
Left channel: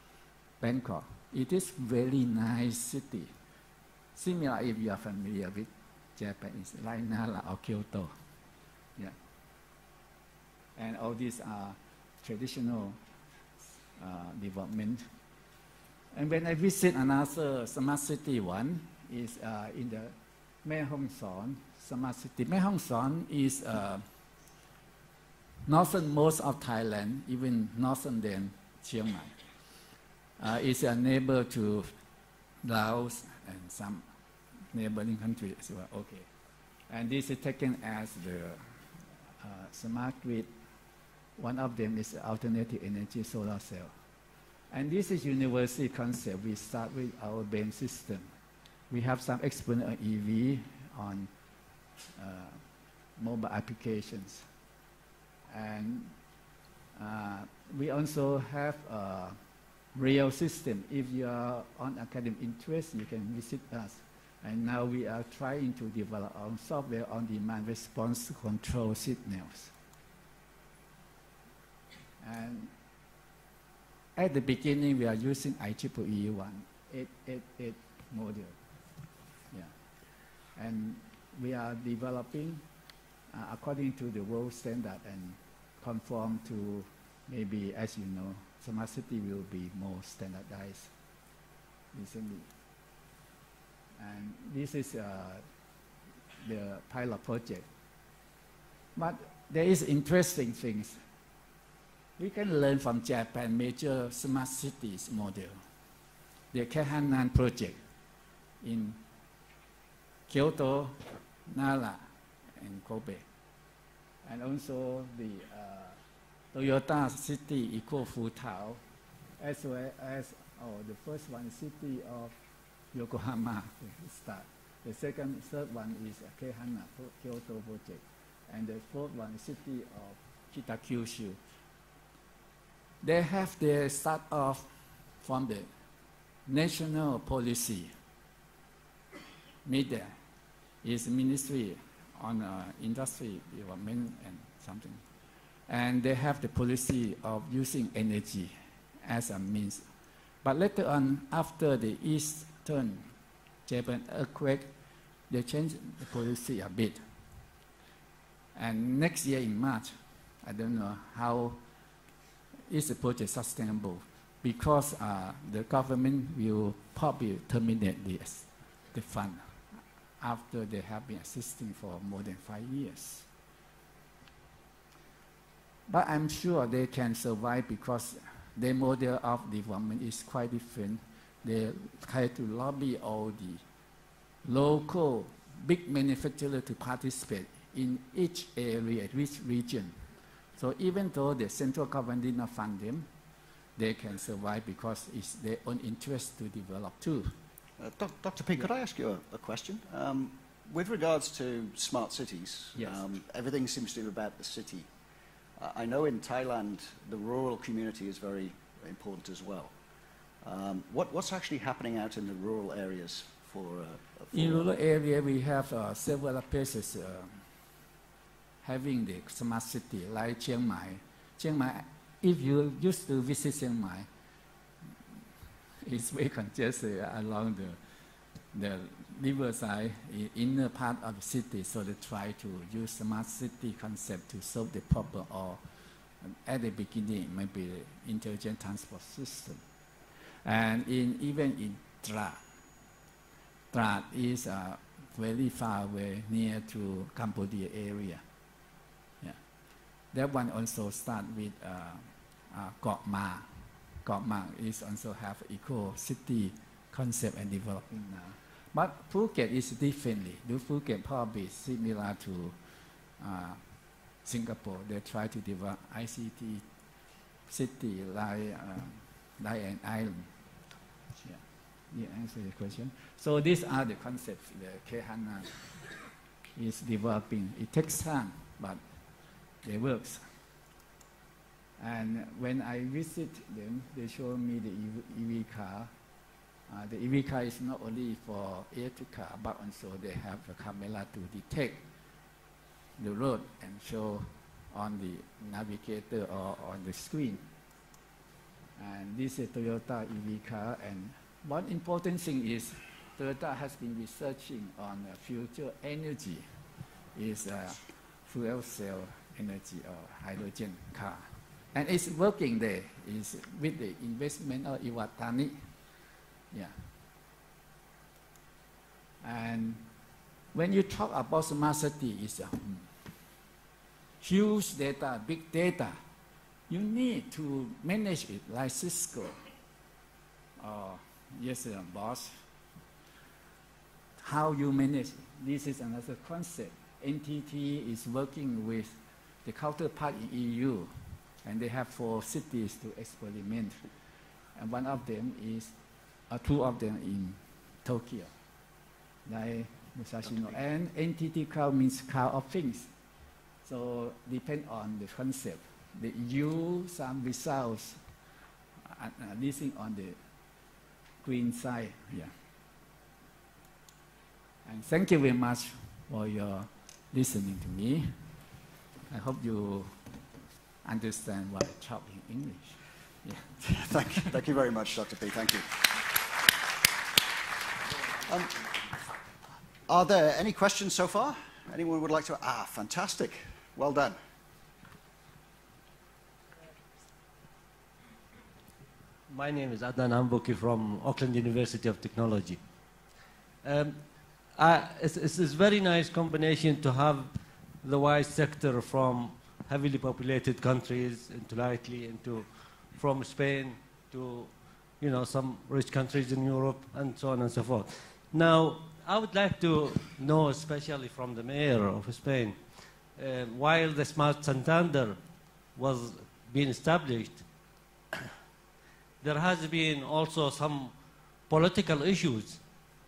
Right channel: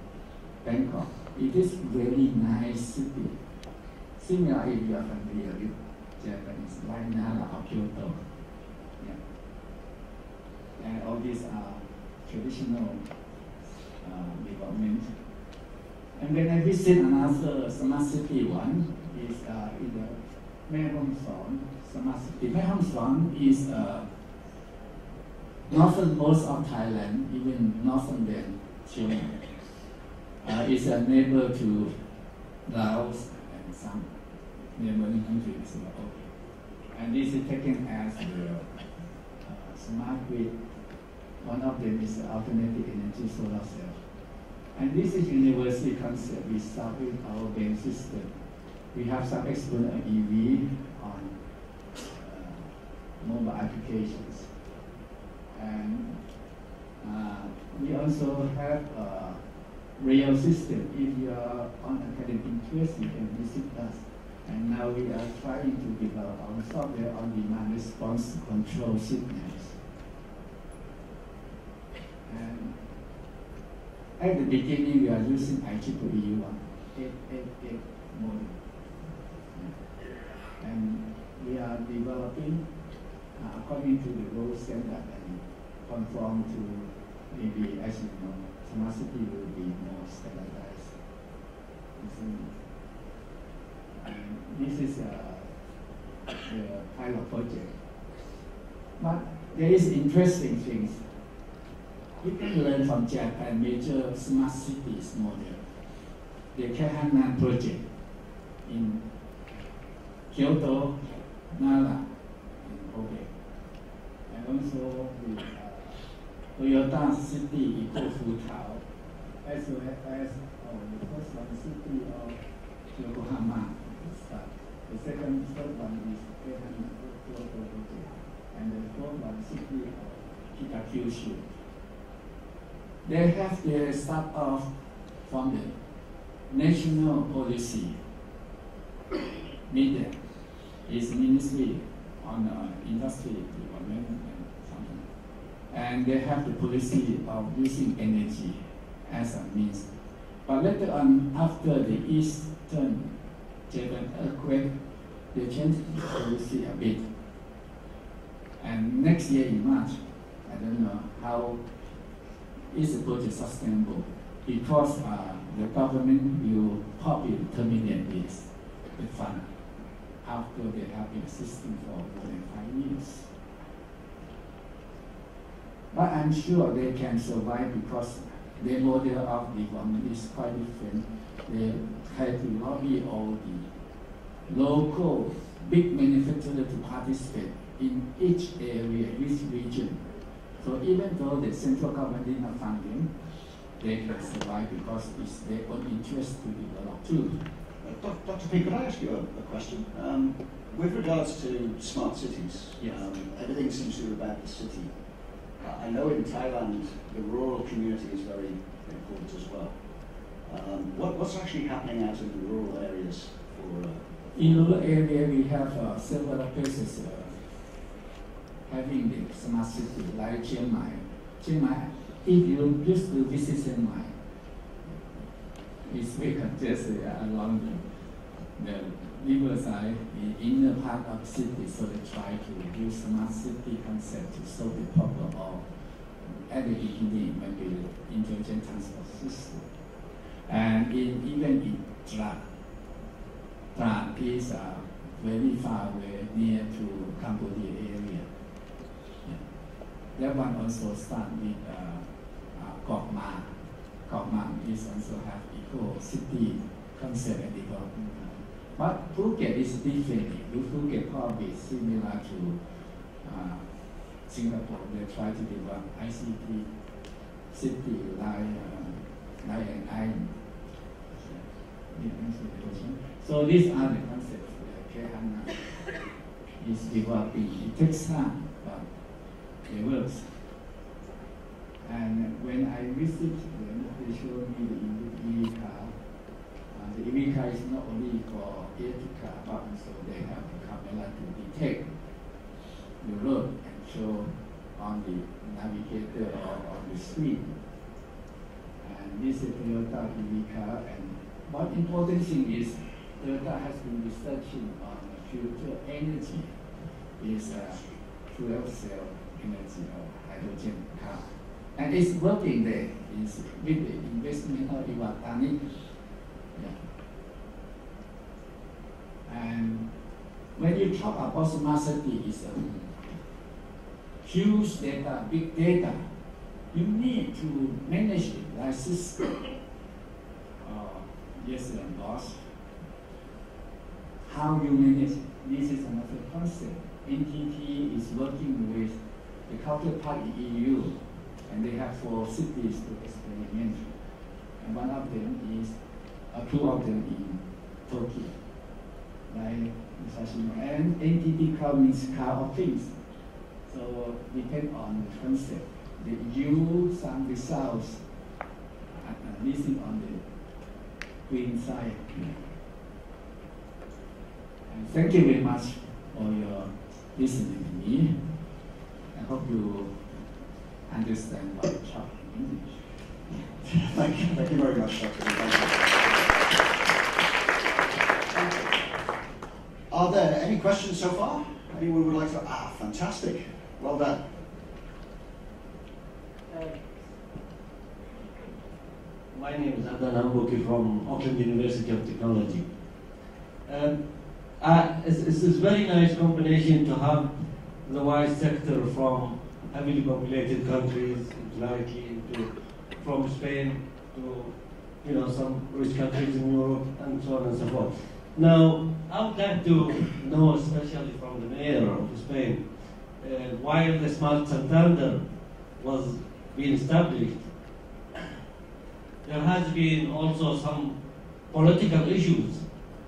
Bangkok. It is very nice city. Similar if you are familiar with Japanese, like Nara or Kyoto. Yeah. And all these are traditional development. And when I visit another smart city one, is in the Mae Hong Son smart city. Mae Hong Son is northernmost of Thailand, even northern than Chiang Mai. It's a neighbor to Laos and some neighboring countries as well. Okay. And this is taken as the smart grid. One of them is the alternative energy solar cell. And this is university concept. We start with our brain system. We have some expert on EV, on mobile applications. And we also have a rail system. If you are on academic interest, you can visit us. And now we are trying to develop our software on demand response to control signals. And at the beginning, we are using IEEE 1888 model. Yeah. And we are developing according to the world standard and conform to maybe, as you know, smart city will be more standardized. And this is the pilot project. But there is interesting things. We can learn from Japan major smart cities model. The Keihannan project in Kyoto, Nara, and Kobe. And also the Toyota City Eco Futao, as well as the first one, City of Yokohama. The second, third one is Keihannan project. And the fourth one, City of Kitakyushu. They have their start off from the national policy. NIDA is Ministry on Industry Development and something. And they have the policy of using energy as a means. But later on, after the Eastern Japan earthquake, they changed the policy a bit. And next year in March, I don't know how is the project sustainable, because the government will probably terminate the fund after they have been existing for more than 5 years. But I'm sure they can survive because their model of development is quite different. They try to lobby all the local big manufacturers to participate in each area, each region. So even though the central government did not fund them, they can survive because it's their own interest to develop too. Dr. P, could I ask you a question? With regards to smart cities, yes. Everything seems to be about the city. I know in Thailand the rural community is very important as well. What's actually happening out in the rural areas for in rural area we have several places having the smart city, like Chiang Mai. Chiang Mai, if you used to visit Chiang Mai, it's very congested along the riverside in inner part of city, so they try to use smart city concept to solve the problem, or at the beginning maybe the intelligent transport system. And even in Trat is very far away, near to Cambodia area. That one also start with Kok Ma. Kok Ma is also have eco city concept and development. But Phuket is different. Phuket probably similar to Singapore, they try to develop ICT city like an island. So these are the concepts that K-HANA is developing. It takes time, but it works. And when I visit them, they show me the EV car. The EV car is not only for electric car, but also they have a camera to detect the road and show on the navigator or on the screen. And this is Toyota EV car. And one important thing is Toyota has been researching on the future energy. Is fuel cell energy or hydrogen car. And it's working there. It's with the investment of Iwatani. And when you talk about smart city, it's huge data, big data. You need to manage it like Cisco. Yes, boss. How you manage it? This is another concept. NTT is working with the counterpart in EU, and they have 4 cities to experiment. And one of them is, 2 of them in Tokyo. And NTT Cloud means cloud of things. So depend on the concept. They use some results this is on the green side here. And thank you very much for your listening to me. I hope you understand what I talk in English. Thank you very much, Dr. Are there any questions so far? Anyone would like to? Fantastic. Well done. My name is Adnan Ambuki from Auckland University of Technology. It's a very nice combination to have the wide sector from heavily populated countries into IT, from Spain to some rich countries in Europe and so on and so forth. Now, I would like to know, especially from the mayor of Spain, while the Smart Santander was being established, there has been also some political issues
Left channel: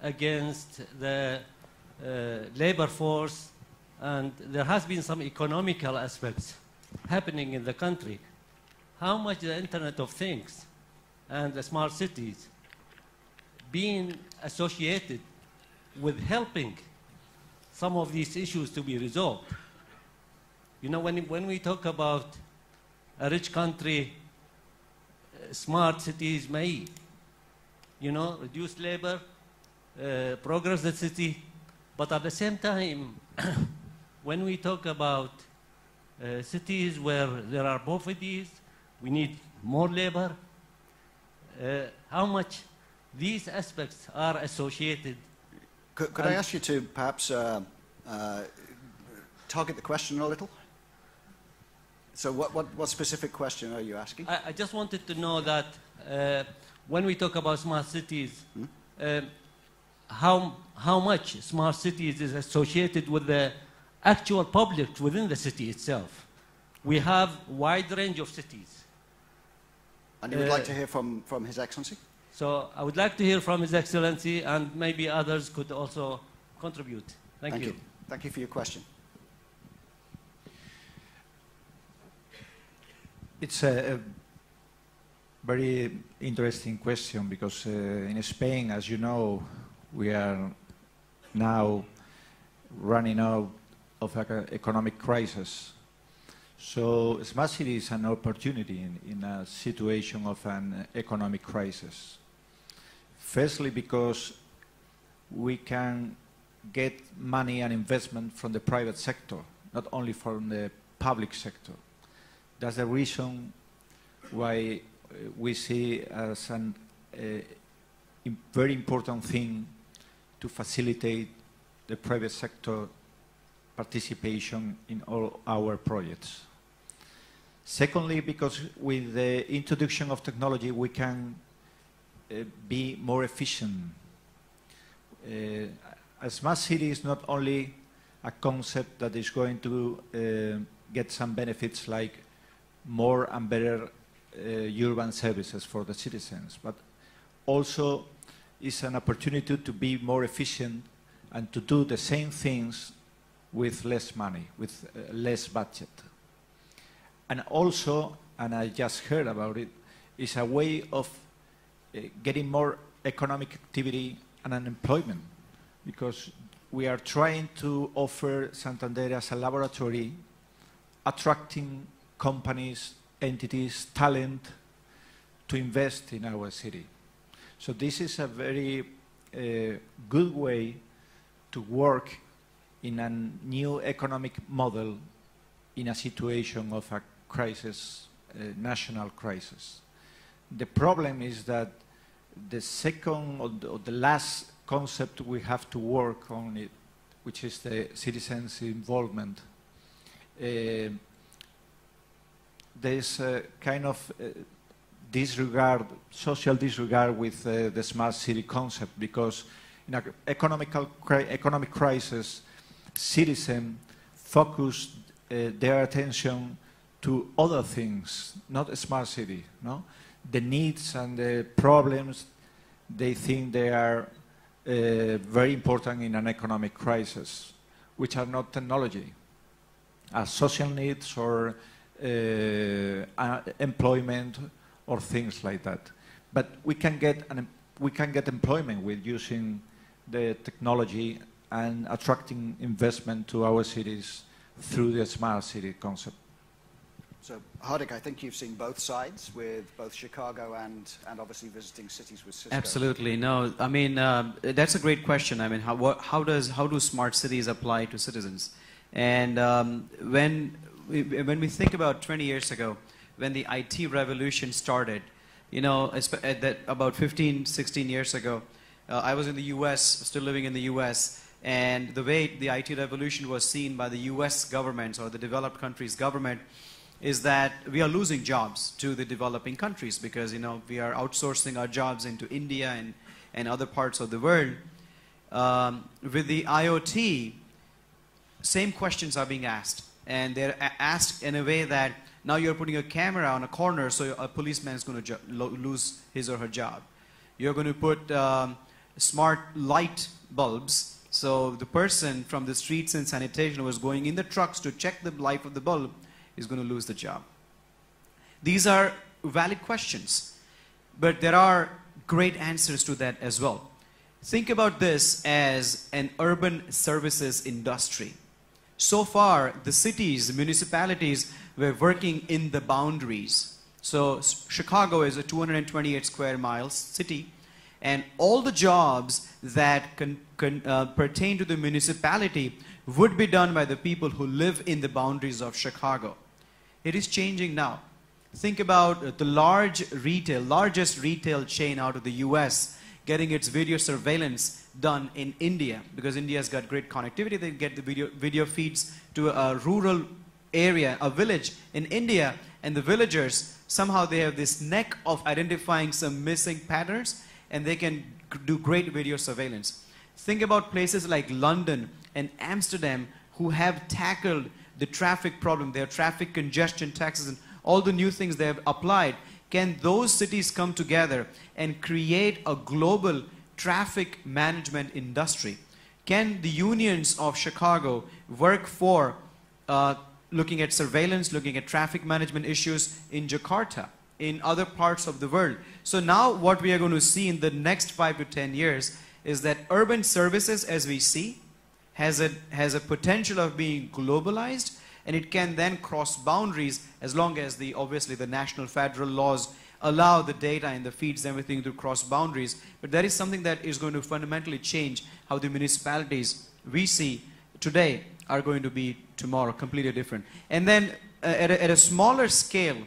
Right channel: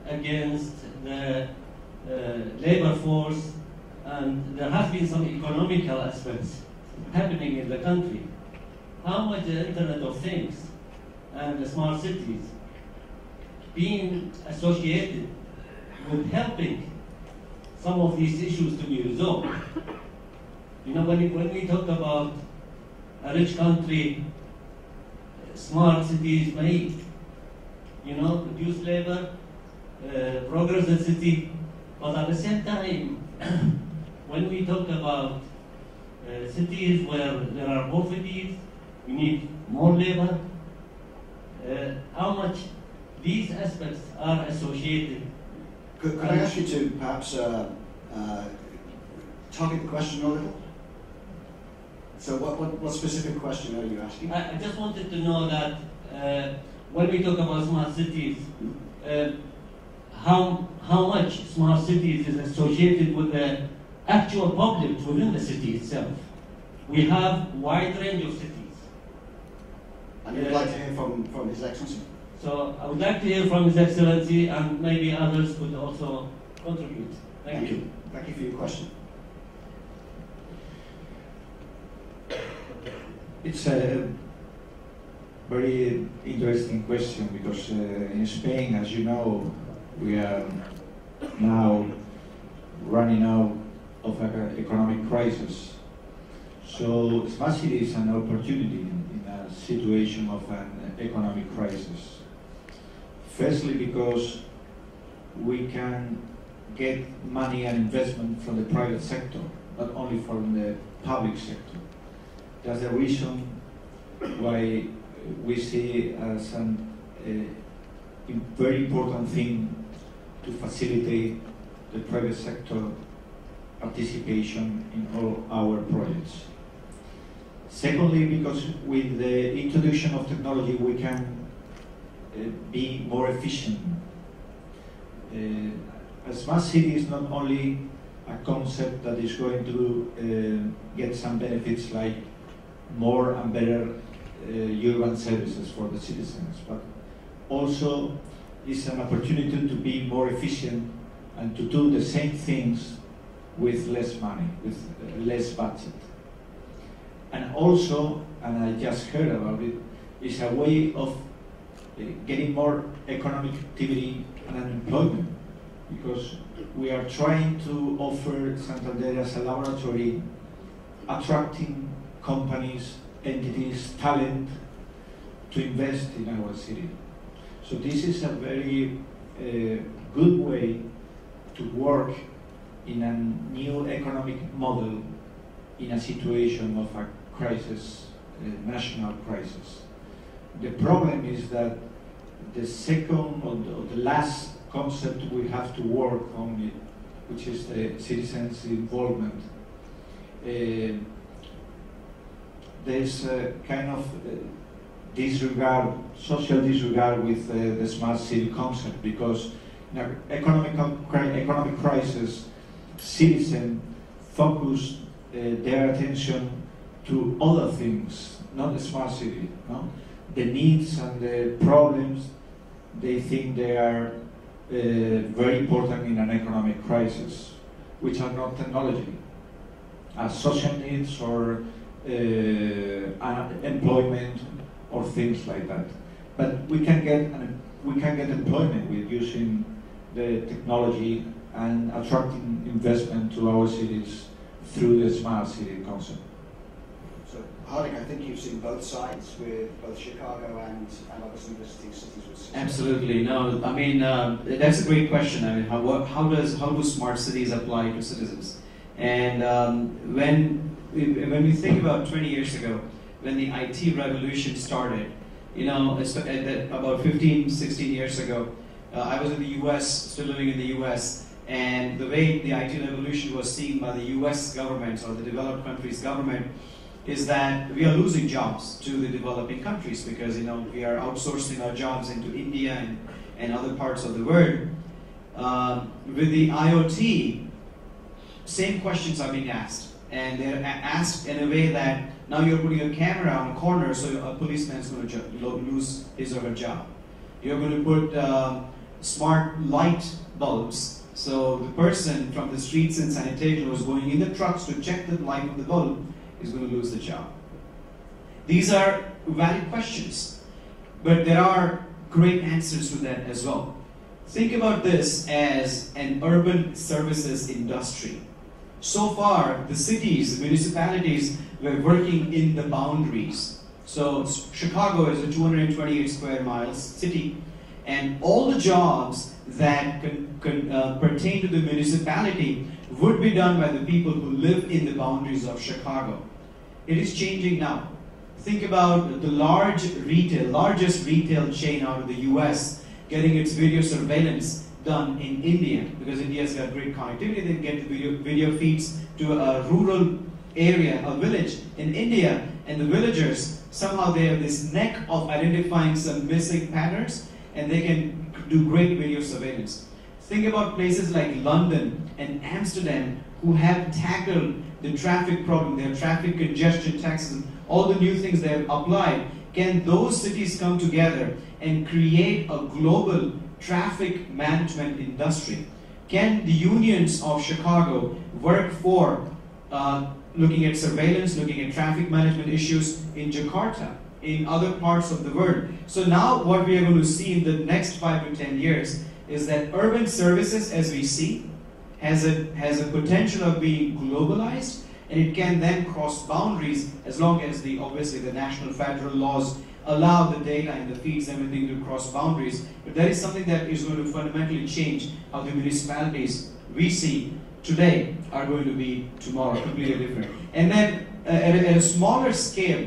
against the labor force, and there has been some economical aspects happening in the country. How much the Internet of Things and the smart cities being associated with helping some of these issues to be resolved? When we talk about a rich country, smart cities may, reduce labor, progress the city, but at the same time, when we talk about cities where there are poverty, we need more labor, how much these aspects are associated. Could I ask you to perhaps target the question a little? So what specific question are you asking? I just wanted to know that when we talk about smart cities, how much smart cities is associated with the actual public within the city itself. We have wide range of cities. And you would like to hear from His Excellency? So I would like to hear from His Excellency, and maybe others could also contribute. Thank you. Thank you for your question. It's a very interesting question because in Spain, as you know, we are now running out of an economic crisis. So smart city is an opportunity in a situation of an economic crisis. Firstly, because we can get money and investment from the private sector, not only from the public sector. That's the reason why we see as a very important thing to facilitate the private sector participation in all our projects. Secondly, because with the introduction of technology we can be more efficient. A smart city is not only a concept that is going to get some benefits like more and better urban services for the citizens, but also is an opportunity to be more efficient and to do the same things with less money, with less budget. And also, and I just heard about it, is a way of getting more economic activity and unemployment, because we are trying to offer Santander as a laboratory, attracting companies, entities, talent to invest in our city. So this is a very good way to work in a new economic model in a situation of a crisis, a national crisis. The problem is that the second or the last concept we have to work on it, which is the citizens' involvement. There's a kind of disregard, social disregard with the smart city concept, because in an economic crisis, citizens focus their attention to other things, not the smart city. No? The needs and the problems, they think they are very important in an economic crisis, which are not technology, are social needs or employment or things like that. But we can get employment with using the technology and attracting investment to our cities through the smart city concept. So, Hardik, I think you've seen both sides with both Chicago and obviously visiting cities with systems. Absolutely. No, I mean, that's a great question. I mean, how do smart cities apply to citizens? And when we think about 20 years ago, when the IT revolution started, you know, about 15, 16 years ago, I was in the US, still living in the US, and the way the IT revolution was seen by the US government or the developed countries' government is that we are losing jobs to the developing countries because, you know, we are outsourcing our jobs into India and other parts of the world. With the IoT, same questions are being asked. And they're asked in a way that now you're putting a camera on a corner, so a policeman is going to lose his or her job. You're going to put smart light bulbs, so the person from the streets and sanitation who was going in the trucks to check the light of the bulb is going to lose the job. These are valid questions, but there are great answers to that as well. Think about this as an urban services industry. So far, the cities, the municipalities were working in the boundaries. So Chicago is a 228 square miles city, and all the jobs that pertain to the municipality would be done by the people who live in the boundaries of Chicago. It is changing now. Think about the largest retail chain out of the US getting its video surveillance done in India, because India's got great connectivity. They get the video feeds to a rural area, a village in India, and the villagers, somehow they have this knack of identifying some missing patterns, and they can do great video surveillance. Think about places like London and Amsterdam who have tackled the traffic problem, their traffic congestion taxes, and all the new things they have applied. Can those cities come together and create a global traffic management industry? Can the unions of Chicago work for looking at surveillance, looking at traffic management issues in Jakarta, in other parts of the world? So now what we are going to see in the next 5 to 10 years is that urban services, as we see, has a potential of being globalized, and it can then cross boundaries as long as obviously the national federal laws allow the data and the feeds and everything to cross boundaries. But that is something that is going to fundamentally change how the municipalities we see today are going to be tomorrow, completely different. And then at a smaller scale,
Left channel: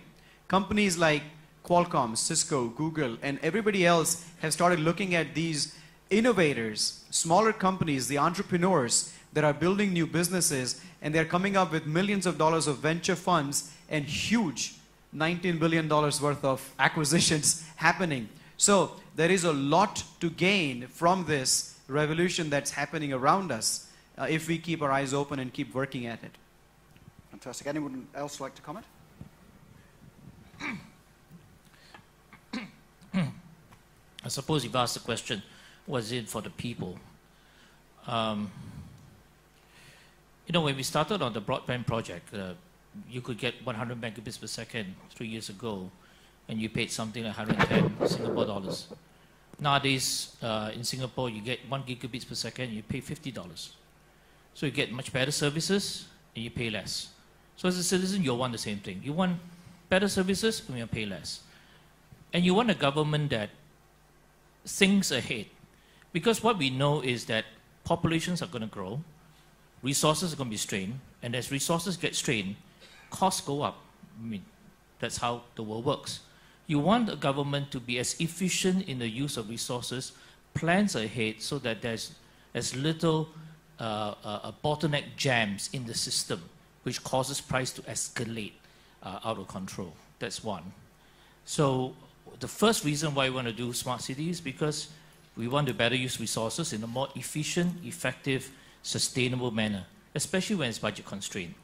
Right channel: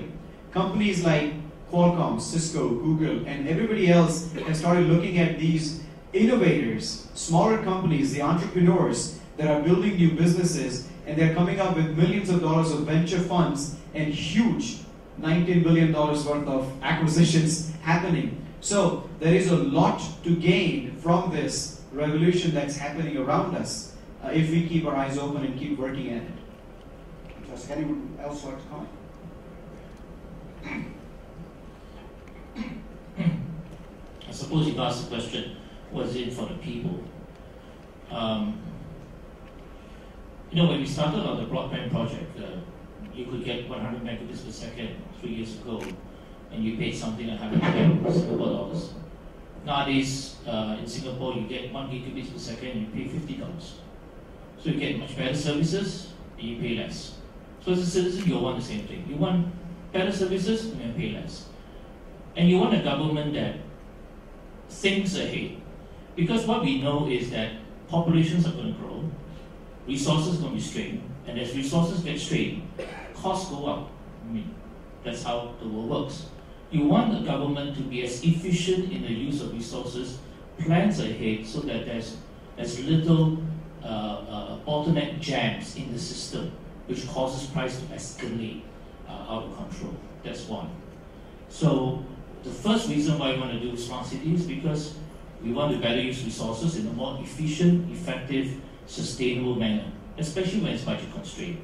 companies like Qualcomm, Cisco, Google, and everybody else have started looking at these innovators, smaller companies, the entrepreneurs that are building new businesses, and they're coming up with millions of dollars of venture funds and huge $19 billion worth of acquisitions happening. So there is a lot to gain from this revolution that's happening around us. if we keep our eyes open and keep working at it. Fantastic. Anyone else like to comment? I suppose you've asked the question, was it for the people? When we started on the broadband project, you could get 100 megabits per second 3 years ago, and you paid something like 110 Singapore dollars. Nowadays, in Singapore, you get 1 gigabits per second, you pay $50. So you get much better services, and you pay less. So as a citizen, you want the same thing. You want better services, and you pay less. And you want a government that thinks ahead. Because what we know is that populations are going to grow, resources are going to be strained, and as resources get strained, costs go up. That's how the world works. You want the government to be as efficient in the use of resources, plans ahead so that there's as little bottleneck jams in the system, which causes price to escalate out of control. That's one. So the first reason why we want to do smart cities is because we want to better use resources in a more efficient, effective, sustainable manner, especially when it's budget constrained,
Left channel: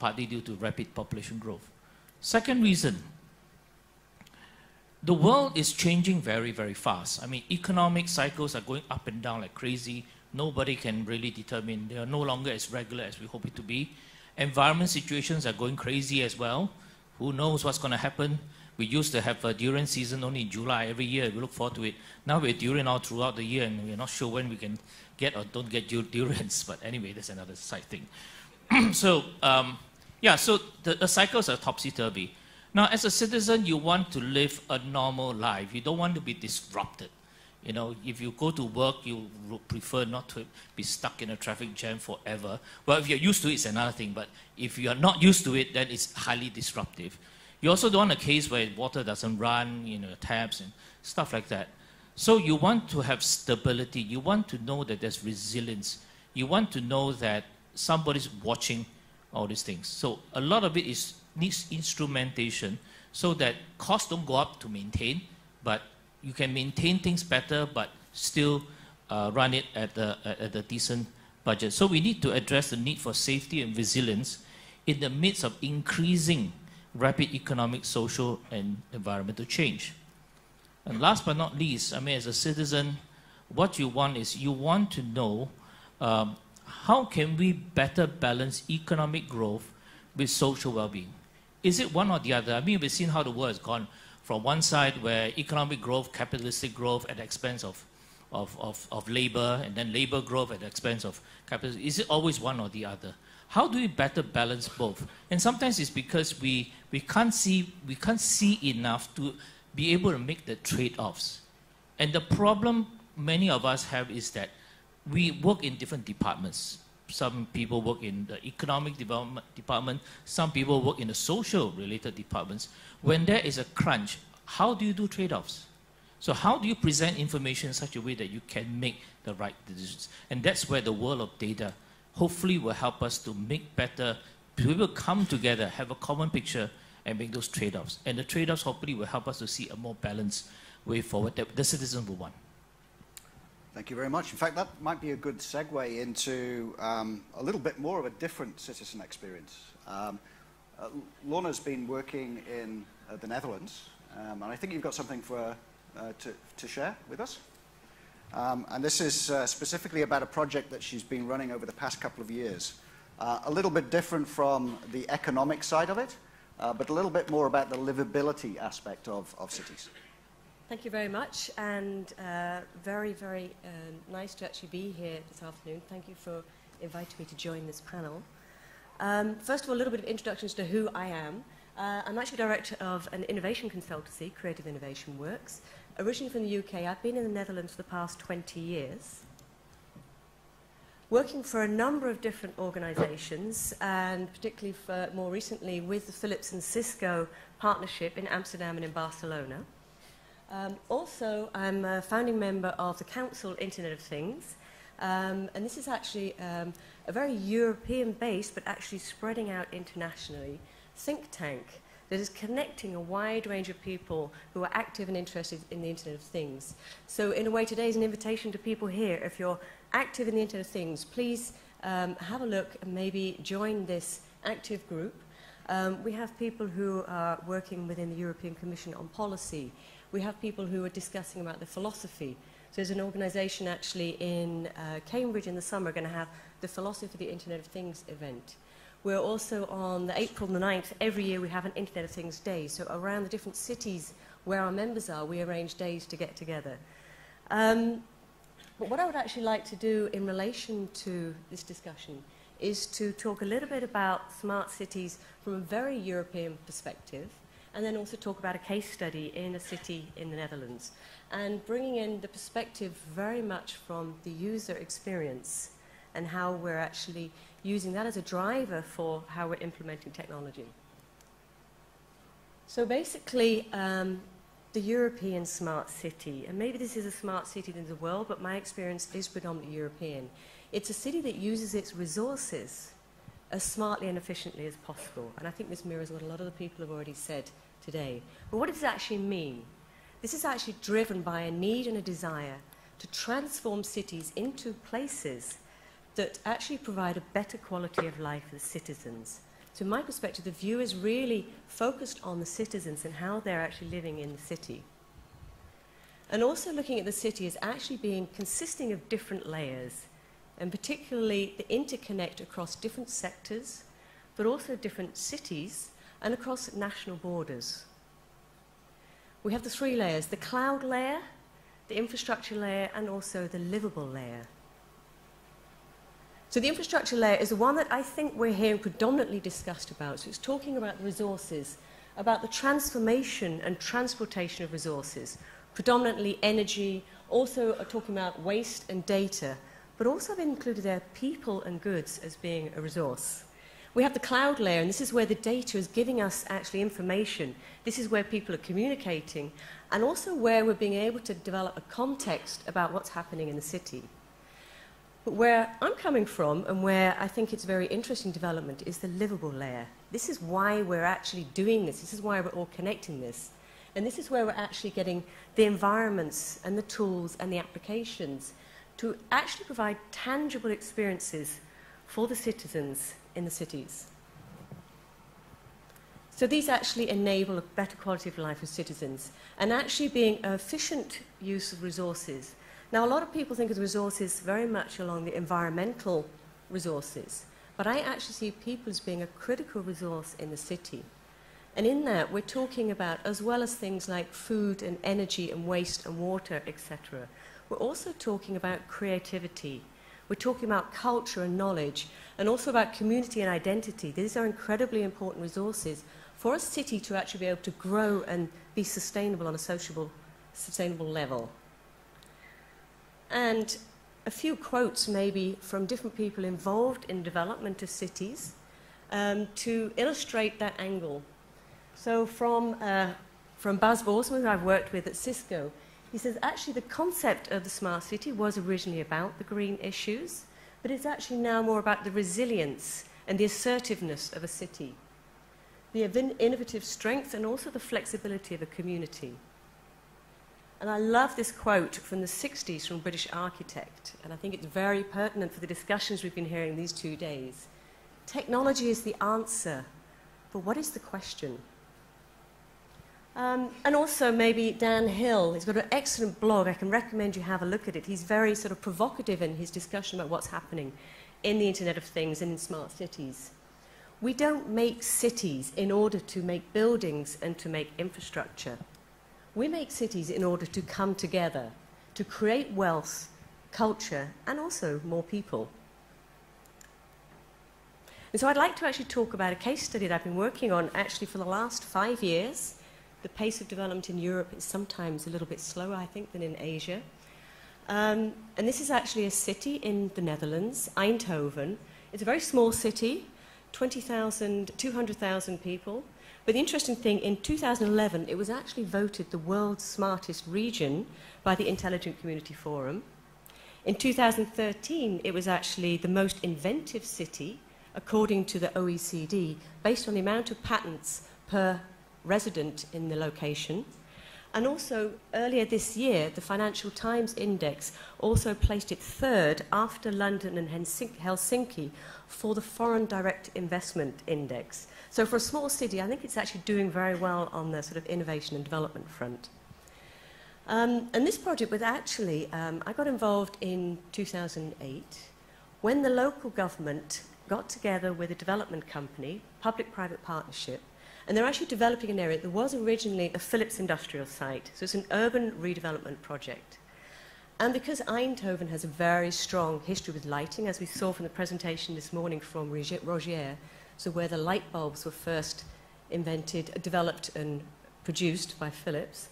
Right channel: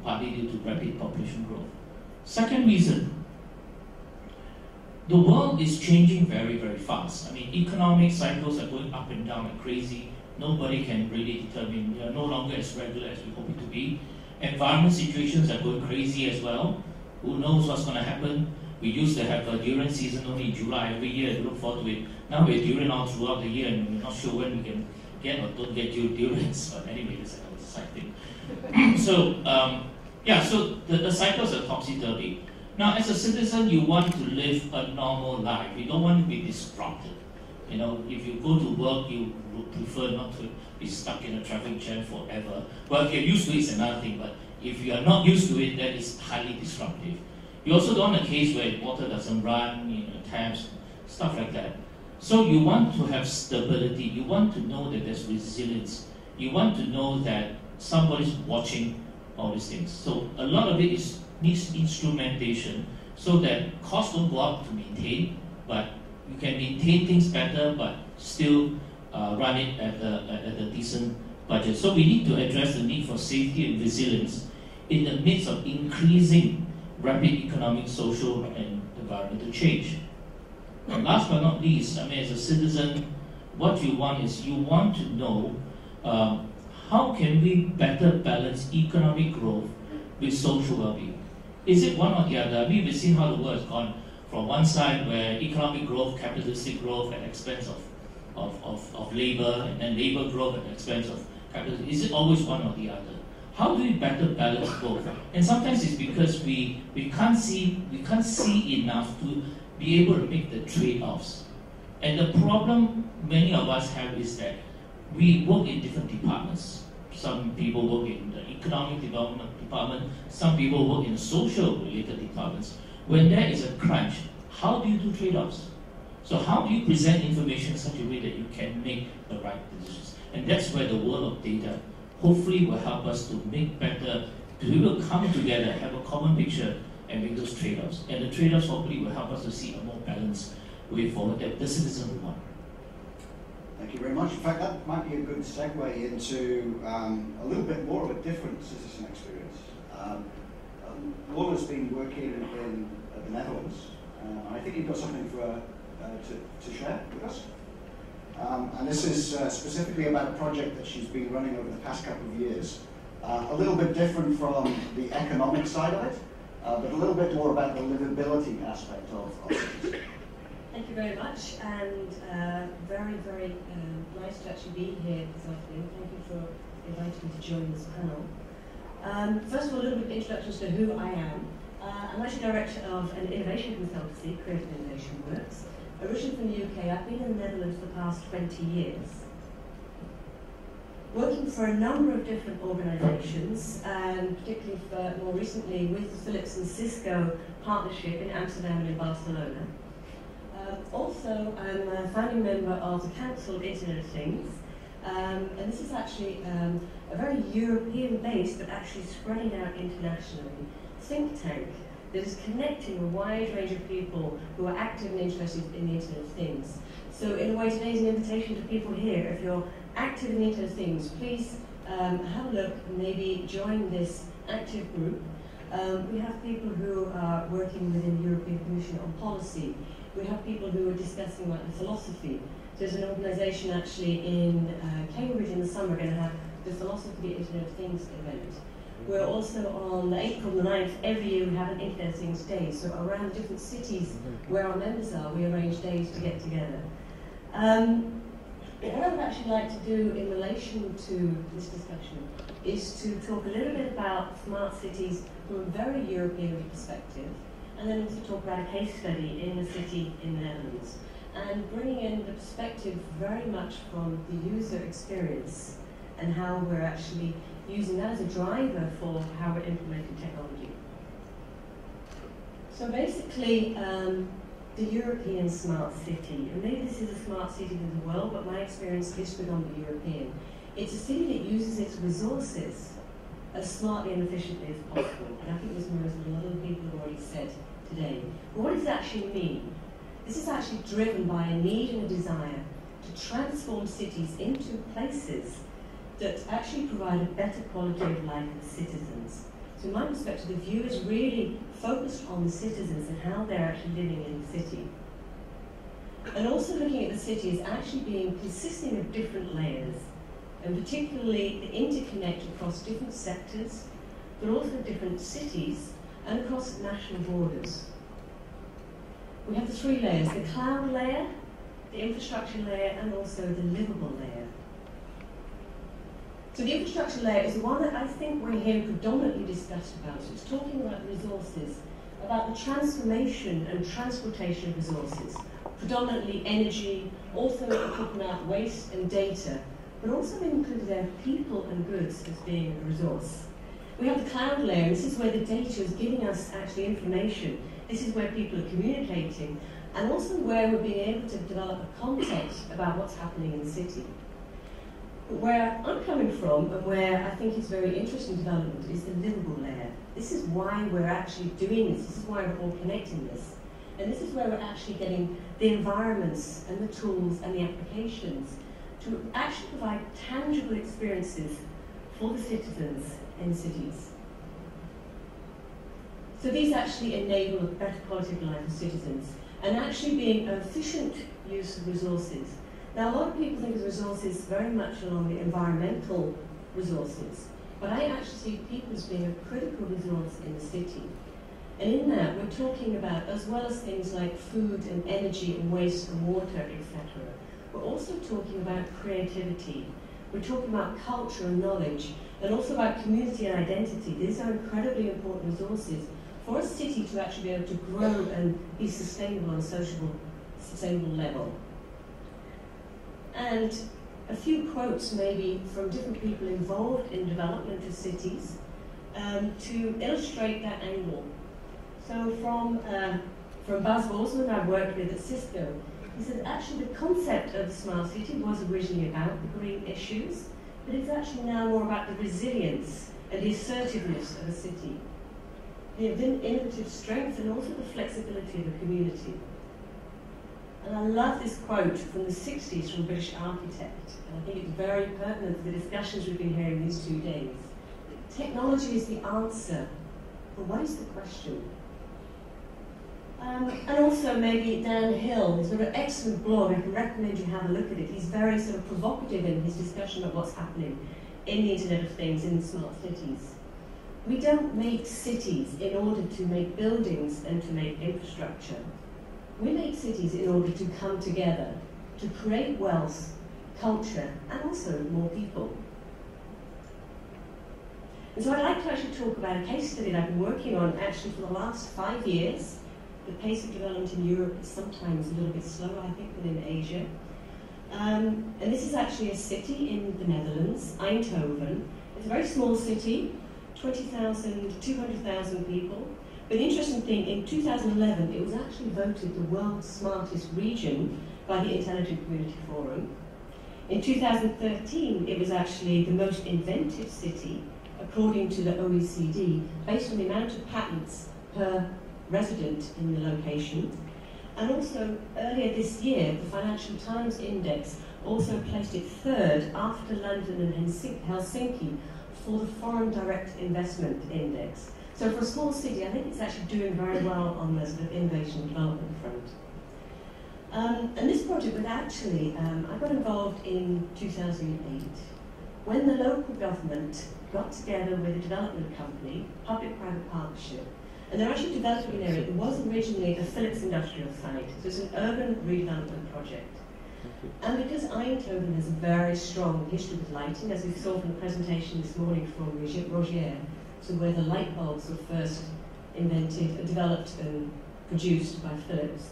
partly due to rapid population growth. Second reason, the world is changing very, very fast. Economic cycles are going up and down like crazy. Nobody can really determine. They are no longer as regular as we hope it to be. Environment situations are going crazy as well. Who knows what's going to happen? We used to have a durian season only in July every year. We look forward to it. Now we're durian all throughout the year, and we're not sure when we can get or don't get durians. But anyway, that's another side thing. So the cycles are topsy-turvy. Now, as a citizen, you want to live a normal life. You don't want to be disrupted. If you go to work, you would prefer not to be stuck in a traffic jam forever. But if you're used to it, it's another thing. But if you are not used to it, then it's highly disruptive. You also don't want a case where water doesn't run, taps, stuff like that. So you want to have stability. You want to know that there's resilience. You want to know that somebody's watching all these things. So a lot of it needs instrumentation so that costs don't go up to maintain, but you can maintain things better, but still run it at a decent budget. So we need to address the need for safety and resilience in the midst of increasing rapid economic, social, and environmental change. And last but not least, as a citizen, what you want is you want to know how can we better balance economic growth with social well-being. Is it one or the other? We've seen how the world has gone from one side where economic growth, capitalistic growth at the expense of labor, and then labor growth at the expense of capitalism. Is it always one or the other? How do we better balance both? And sometimes it's because we can't see enough to be able to make the trade-offs. And the problem many of us have is that we work in different departments. Some people work in the economic development department, some people work in the social related departments. When there is a crunch, how do you do trade-offs? So how do you present information in such a way that you can make the right decisions? And that's where the world of data hopefully will help us to make better, we will come together, have a common picture, and make those trade-offs. And the trade-offs hopefully will help us to see a more balanced way forward that the citizen will want. Thank you very much. In fact, that might be a good segue into a little bit more of a different citizen experience. Lola's been working in the Netherlands, and I think you've got something to share with us. And this is specifically about a project that she's been running over the past couple of years. A little bit different from the economic side of it, but a little bit more about the livability aspect of cities. Thank you very much, and very, very nice to actually be here this afternoon. Thank you for inviting me to join this panel. First of all, a little bit of introductions to who I am. I'm actually director of an innovation consultancy, Creative Innovation Works. Originally from the UK, I've been in the Netherlands for the past 20 years. Working for a number of different organisations, and particularly more recently with the Philips and Cisco partnership in Amsterdam and in Barcelona. Also, I'm a founding member of the Council Internet of Things, and this is actually a very European-based, but actually spreading out internationally, think tank that is connecting a wide range of people who are active and interested in the Internet of Things. So in a way, today is an invitation to people here. If you're active in the Internet of Things, please have a look and maybe join this active group. We have people who are working within the European Commission on policy. We have people who are discussing about the philosophy. So there's an organisation actually in Cambridge in the summer going to have the Philosophy of the Internet of Things event. We're also on April the 9th, every year we have an Internet of Things Day. So around the different cities where our members are, we arrange days to get together. But what I would actually like to do in relation to this discussion is to talk a little bit about smart cities from a very European perspective, and then also talk about a case study in a city in the Netherlands, and bringing in the perspective very much from the user experience and how we're actually using that as a driver for how we're implementing technology. So basically, the European smart city, and maybe this is a smart city in the world, but my experience is predominantly European. It's a city that uses its resources as smartly and efficiently as possible, and I think this mirrors what a lot of the people have already said today. But what does it actually mean? This is actually driven by a need and a desire to transform cities into places that actually provide a better quality of life for citizens. So in my perspective, the view is really focused on the citizens and how they're actually living in the city. And also looking at the city as actually being consisting of different layers, and particularly the interconnect across different sectors, but also different cities and across national borders. We have the three layers: the cloud layer, the infrastructure layer, and also the livable layer. So the infrastructure layer is the one that I think we're hearing predominantly discussed about. So it's talking about resources, about the transformation and transportation of resources, predominantly energy, also talking about waste and data, but also they've included there people and goods as being a resource. We have the cloud layer, and this is where the data is giving us actually information. This is where people are communicating, and also where we're being able to develop a context about what's happening in the city. But where I'm coming from, and where I think it's very interesting development, is the livable layer. This is why we're actually doing this. This is why we're all connecting this. And this is where we're actually getting the environments and the tools and the applications to actually provide tangible experiences for the citizens in the cities. So these actually enable a better quality of life for citizens, and actually being an efficient use of resources. Now, a lot of people think of the resources very much along the environmental resources, but I actually see people as being a critical resource in the city. And in that, we're talking about, as well as things like food and energy and waste and water, etc., we're also talking about creativity. We're talking about culture and knowledge, and also about community and identity. These are incredibly important resources for a city to actually be able to grow and be sustainable on a sustainable level. And a few quotes maybe from different people involved in development of cities to illustrate that angle. So from Bas Borsma, who I've worked with at Cisco, he says actually the concept of the smart city was originally about the green issues, but it's actually now more about the resilience and the assertiveness of a city, the innovative strength and also the flexibility of a community. And I love this quote from the 60s from a British architect, and I think it's very pertinent for the discussions we've been hearing these 2 days. Technology is the answer, but what is the question? And also maybe Dan Hill, he's got an excellent blog, I can recommend you have a look at it. He's very sort of provocative in his discussion about what's happening in the Internet of Things in smart cities. We don't make cities in order to make buildings and to make infrastructure. We make cities in order to come together, to create wealth, culture, and also more people. And so I'd like to actually talk about a case study that I've been working on actually for the last 5 years. The pace of development in Europe is sometimes a little bit slower, I think, than in Asia. And this is actually a city in the Netherlands, Eindhoven. It's a very small city, 200,000 people. But the interesting thing, in 2011, it was actually voted the world's smartest region by the Intelligent Community Forum. In 2013, it was actually the most inventive city, according to the OECD, based on the amount of patents per resident in the location. And also, earlier this year, the Financial Times Index also placed it third after London and Helsinki for the Foreign Direct Investment Index. So for a small city, I think it's actually doing very well on the sort of innovation and development front. And this project was actually, I got involved in 2008 when the local government got together with a development company, public-private partnership, and they're actually developing an area that was originally a Philips industrial site. So it's an urban redevelopment project. And because Eindhoven has a very strong history with lighting, as we saw from the presentation this morning from Rogier, so where the light bulbs were first invented, developed and produced by Philips.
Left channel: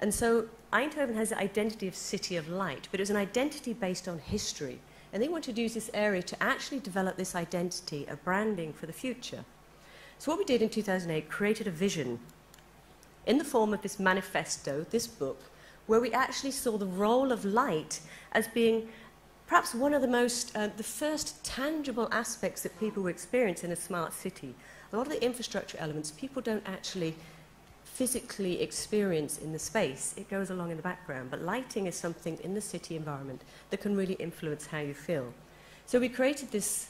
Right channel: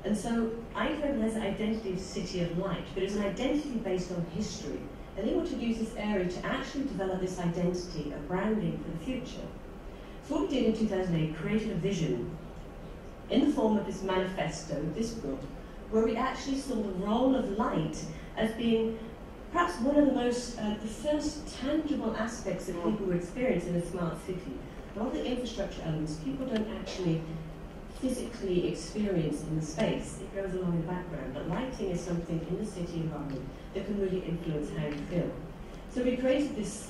And so Eindhoven has the identity of city of light, but it was an identity based on history. And they wanted to use this area to actually develop this identity, a branding for the future. So what we did in 2008, created a vision in the form of this manifesto, this book, where we actually saw the role of light as being perhaps one of the most, the first tangible aspects that people will experience in a smart city. A lot of the infrastructure elements people don't actually physically experience in the space. It goes along in the background, but lighting is something in the city environment that can really influence how you feel. So we created this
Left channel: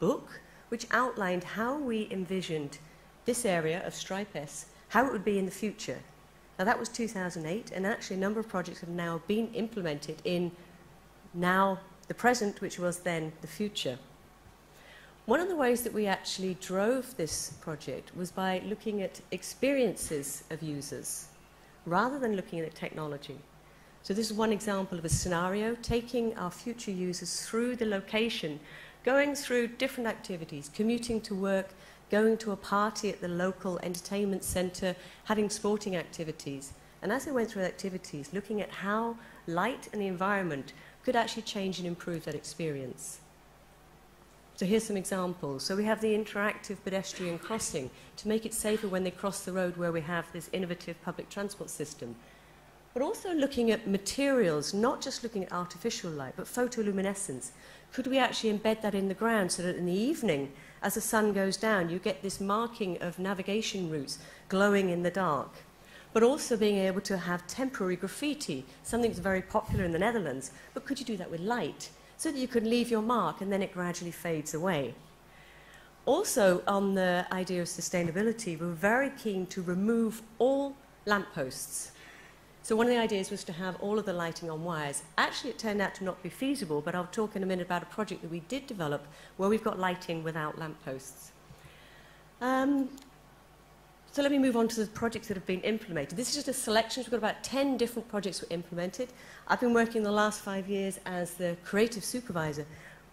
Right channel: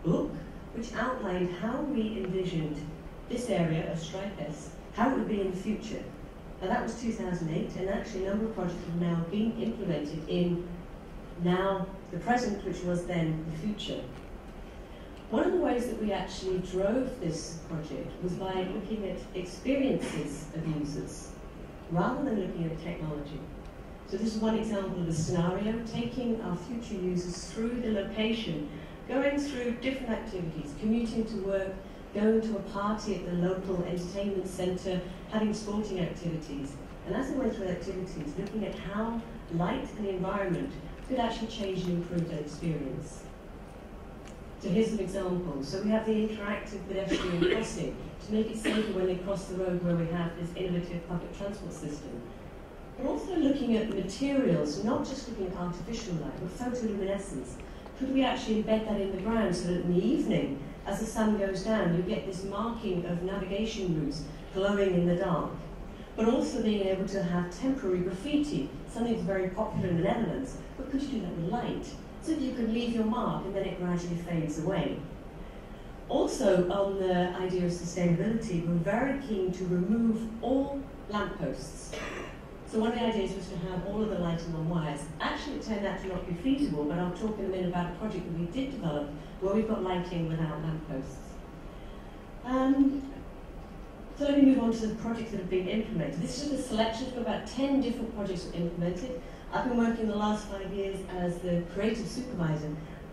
book which outlined how we envisioned this area of Stripe S, how it would be in the future. Now that was 2008, and actually a number of projects have now been implemented in now the present, which was then the future. One of the ways that we actually drove this project was by looking at experiences of users, rather than looking at technology. So this is one example of a scenario, taking our future users through the location, going through different activities, commuting to work, going to a party at the local entertainment centre, having sporting activities. And as they went through the activities, looking at how light and the environment could actually change and improve that experience. So here's some examples. So we have the interactive pedestrian crossing to make it safer when they cross the road, where we have this innovative public transport system. But also looking at materials, not just looking at artificial light, but photoluminescence. Could we actually embed that in the ground so that in the evening, as the sun goes down, you get this marking of navigation routes glowing in the dark? But also being able to have temporary graffiti, something that's very popular in the Netherlands, but could you do that with light? So that you could leave your mark and then it gradually fades away. Also, on the idea of sustainability, we're very keen to remove all lampposts. So one of the ideas was to have all of the lighting on wires. Actually, it turned out to not be feasible, but I'll talk in a minute about a project that we did develop where we've got lighting without lampposts. So let me move on to the projects that have been implemented. This is just a selection. We've got about 10 different projects that were implemented. I've been working the last 5 years as the creative supervisor,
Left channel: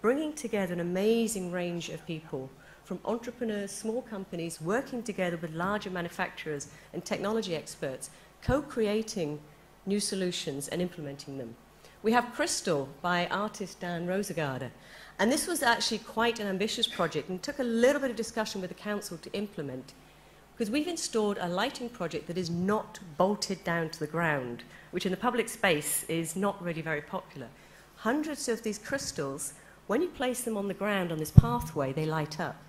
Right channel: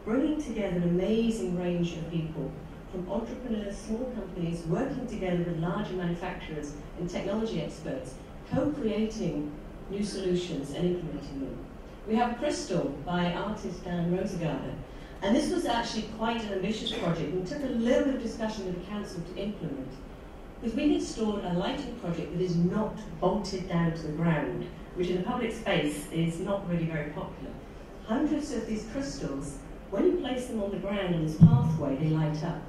bringing together an amazing range of people, from entrepreneurs, small companies, working together with larger manufacturers and technology experts, co-creating new solutions and implementing them. We have Crystal by artist Dan Rosegarde, and this was actually quite an ambitious project and took a little bit of discussion with the council to implement, because we've installed a lighting project that is not bolted down to the ground, which in the public space is not really very popular. Hundreds of these crystals, when you place them on the ground on this pathway, they light up.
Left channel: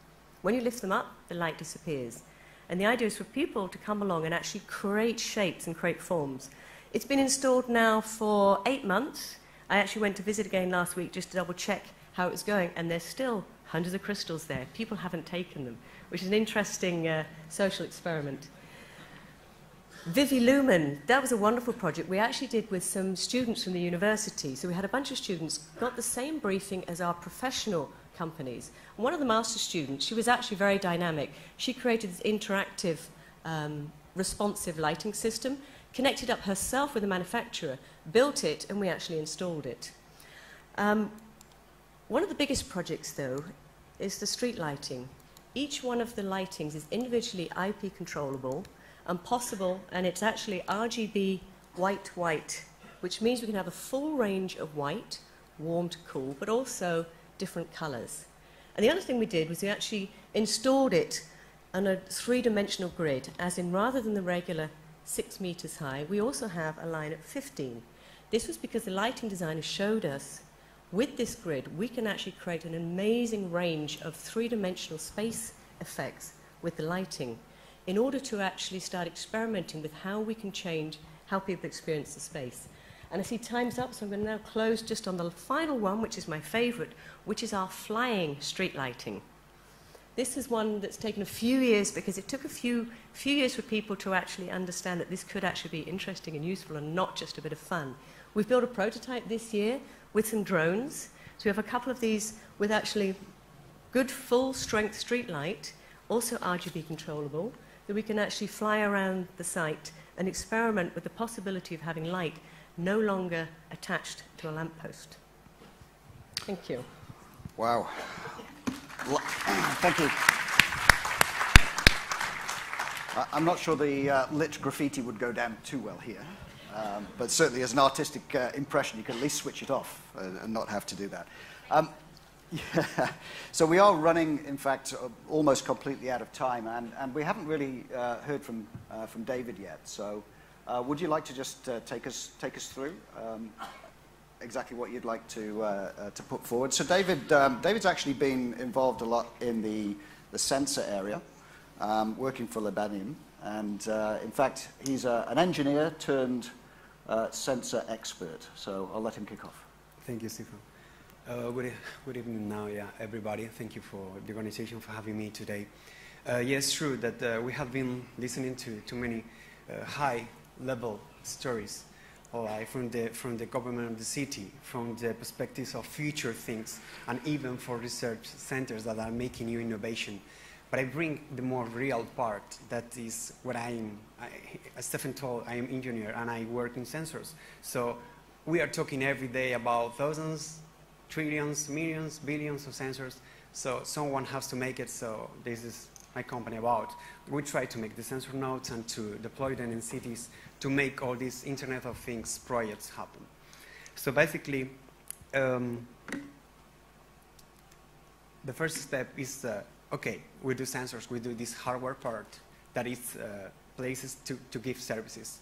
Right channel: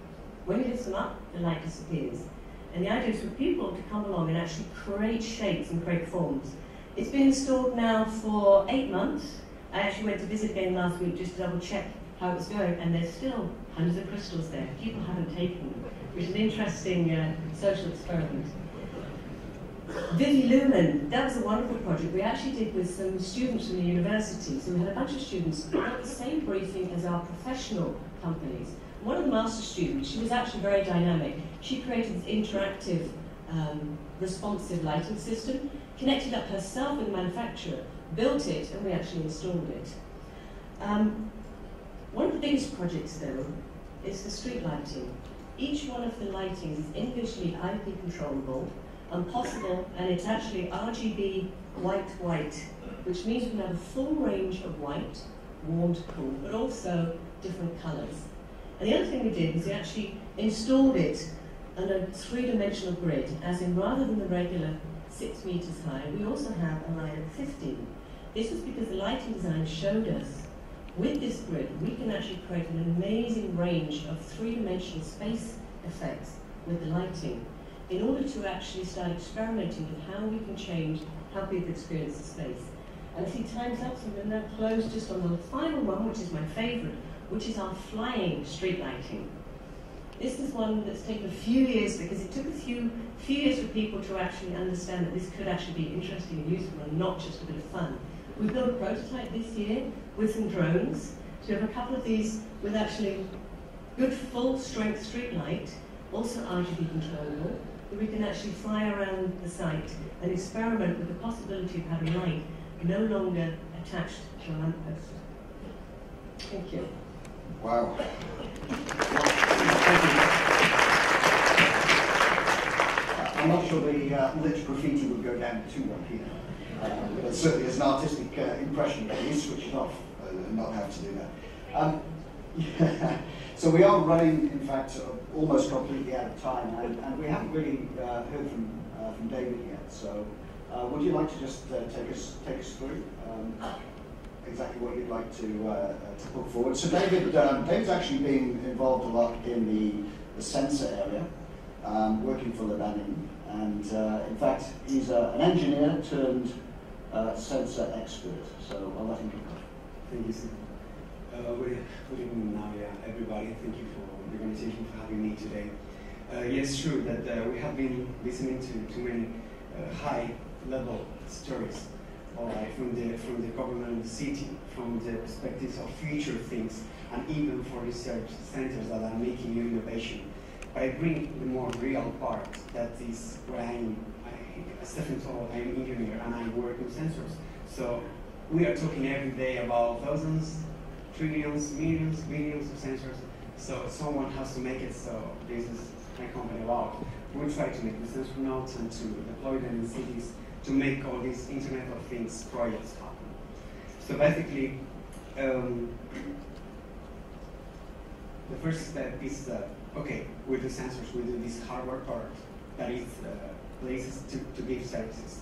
When you lift them up, the light disappears. And the idea is for people to come along and actually create shapes and create forms. It's been installed now for 8 months. I actually went to visit again last week just to double check how it was going, and there's still hundreds of crystals there. People haven't taken them, which is an interesting social experiment. Vivi Lumen, that was a wonderful project we actually did with some students from the university. So we had a bunch of students who got the same briefing as our professional companies. One of the master students, she was actually very dynamic. She created this interactive, responsive lighting system, connected up herself with the manufacturer, built it, and we actually installed it. One of the biggest projects, though, is the street lighting. Each one of the lightings is individually IP controllable and possible, and it's actually RGB white, which means we can have a full range of white, warm to cool, but also different colours. And the other thing we did was we actually installed it on a 3-dimensional grid, as in rather than the regular 6 meters high, we also have a line of 15. This was because the lighting designer showed us with this grid, we can actually create an amazing range of 3-dimensional space effects with the lighting. in order to actually start experimenting with how we can change how people experience the space. And I see time's up, so I'm going to now close just on the final one, which is my favourite, which is our flying street lighting. This is one that's taken a few years, because it took a few years for people to actually understand that this could actually be interesting and useful and not just a bit of fun. We've built a prototype this year with some drones. So we have a couple of these with actually good full-strength street light, also RGB controllable, that we can actually fly around the site and experiment with the possibility of having light no longer attached to a lamppost. Thank you. Wow. I'm not sure the lit graffiti would go down too well here, but certainly as an artistic impression, you can at least switch it off and not have to do that. Yeah. So we are running, in fact, almost completely out of time, and we haven't really heard from David yet. So would you like to just take us through exactly what you'd like to put forward? So David's actually been involved a lot in the sensor area, working for Lebannon, and in fact he's an engineer turned sensor expert. So I'll let him kick off. Thank you, Stephen. Good evening now, everybody. Thank you for the organization for having me today. Yes, true that we have been listening to many high-level stories from the government of the city, from the perspectives of future things, and even for research centers that are making new innovation. But I bring the more real part, that is what as Stephen told, I am an engineer and I work in sensors. So we are talking every day about thousands, trillions, millions, billions of sensors. So someone has to make it, so this is my company about. We try to make the sensor nodes and to deploy them in cities to make all these Internet of Things projects happen. So basically, the first step is, okay, we do sensors, we do this hardware part, that is places to give services.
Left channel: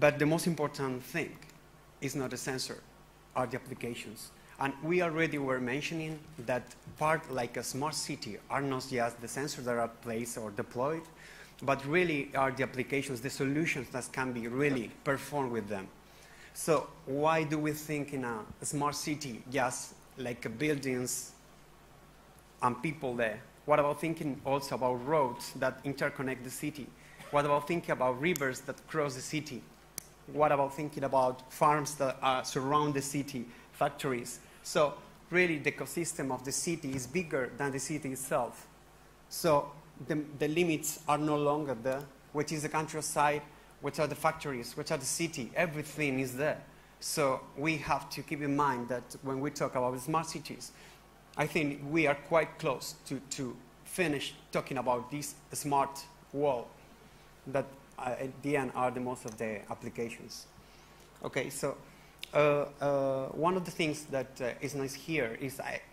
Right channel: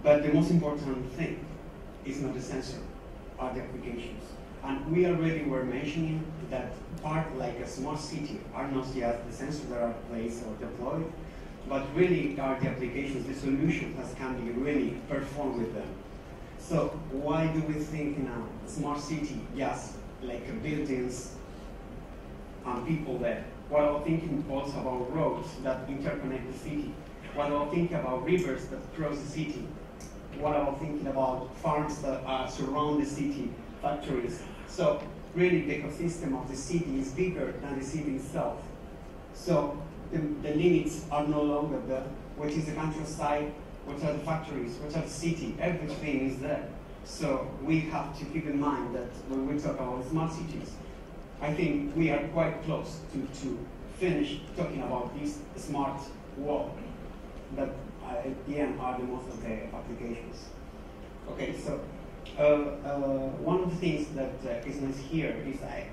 But the most important thing is not the sensor, are the applications. And we already were mentioning that part like a smart city are not just the sensors that are placed or deployed, but really are the applications, the solutions that can be really performed with them. So why do we think in a smart city just like buildings and people there? What about thinking also about roads that interconnect the city? What about thinking about rivers that cross the city? What about thinking about farms that surround the city, factories? So really the ecosystem of the city is bigger than the city itself. So the limits are no longer there, which is the countryside, which are the factories, which are the city, everything is there. So we have to keep in mind that when we talk about smart cities, I think we are quite close to finish talking about this smart world that at the end are the most of the applications. Okay, so one of the things that is nice here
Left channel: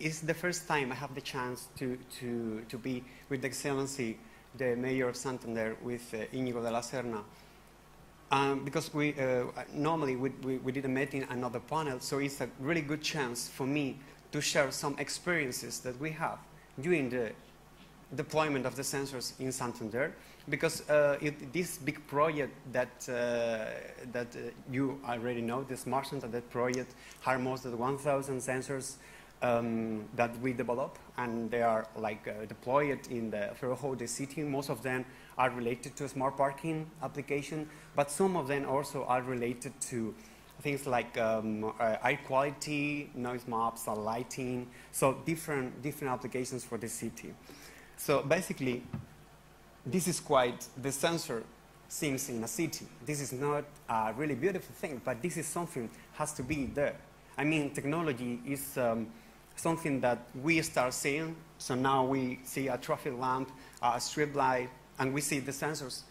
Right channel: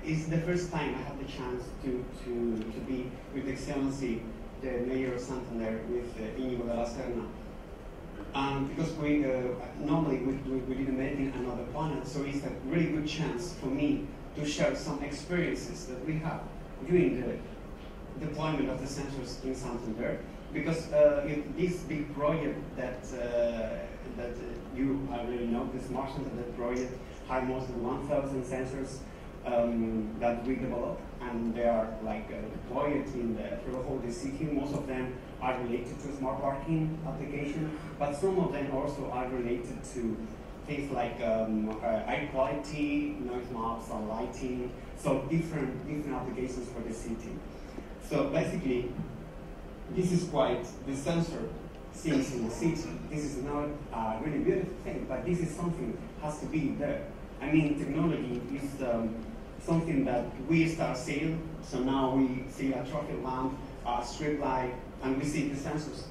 is the first time I have the chance to be with Excellency, the Mayor of Santander, with Íñigo de la Serna. Because we normally we didn't meet in another panel, so it's a really good chance for me to share some experiences that we have during the deployment of the sensors in Santander. Because this big project that you already know, the Smart Santander project, had more than 1,000 sensors that we developed, and they are like deployed in throughout the city. Most of them are related to smart parking application, but some of them also are related to things like air quality, noise maps, and lighting. So different applications for the city. So basically, this is quite the sensor things in the city. This is not a really beautiful thing, but this is something has to be there. I mean, technology is something that we start seeing. So now we see a traffic lamp, a street light, and we see the sensors.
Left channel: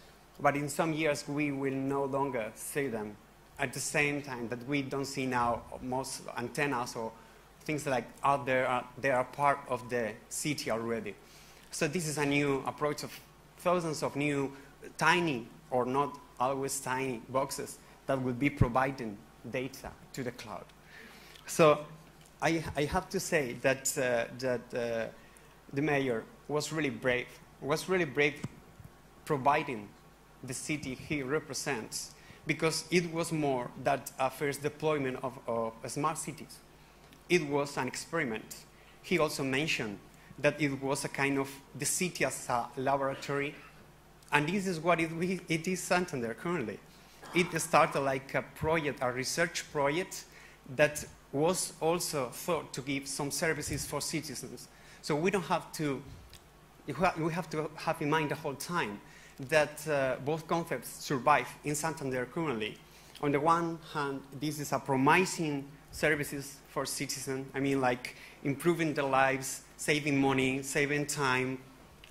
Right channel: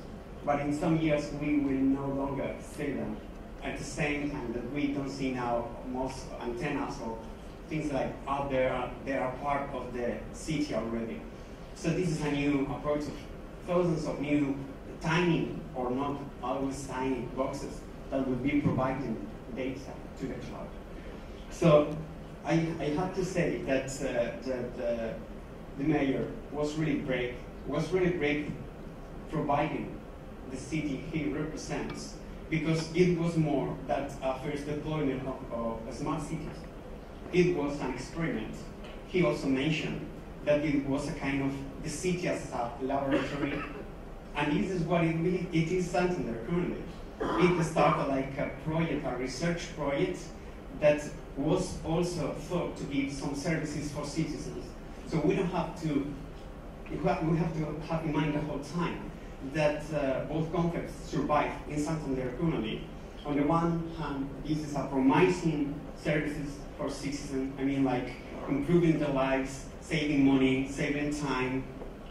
But in some years, we will no longer see them. At the same time that we don't see now most antennas or things like out there, they are part of the city already. So this is a new approach of thousands of new tiny or not always tiny boxes that will be providing data to the cloud. So I have to say that the mayor was really brave providing the city he represents, because it was more that first deployment of smart cities. It was an experiment. He also mentioned that it was a kind of the city as a laboratory, and this is what it is Santander currently. It started like a project, a research project that was also thought to give some services for citizens. So we don't have to, we have to have in mind the whole time that both concepts survive in Santander currently. On the one hand, this is a promising services for citizens. I mean, like improving their lives, saving money, saving time,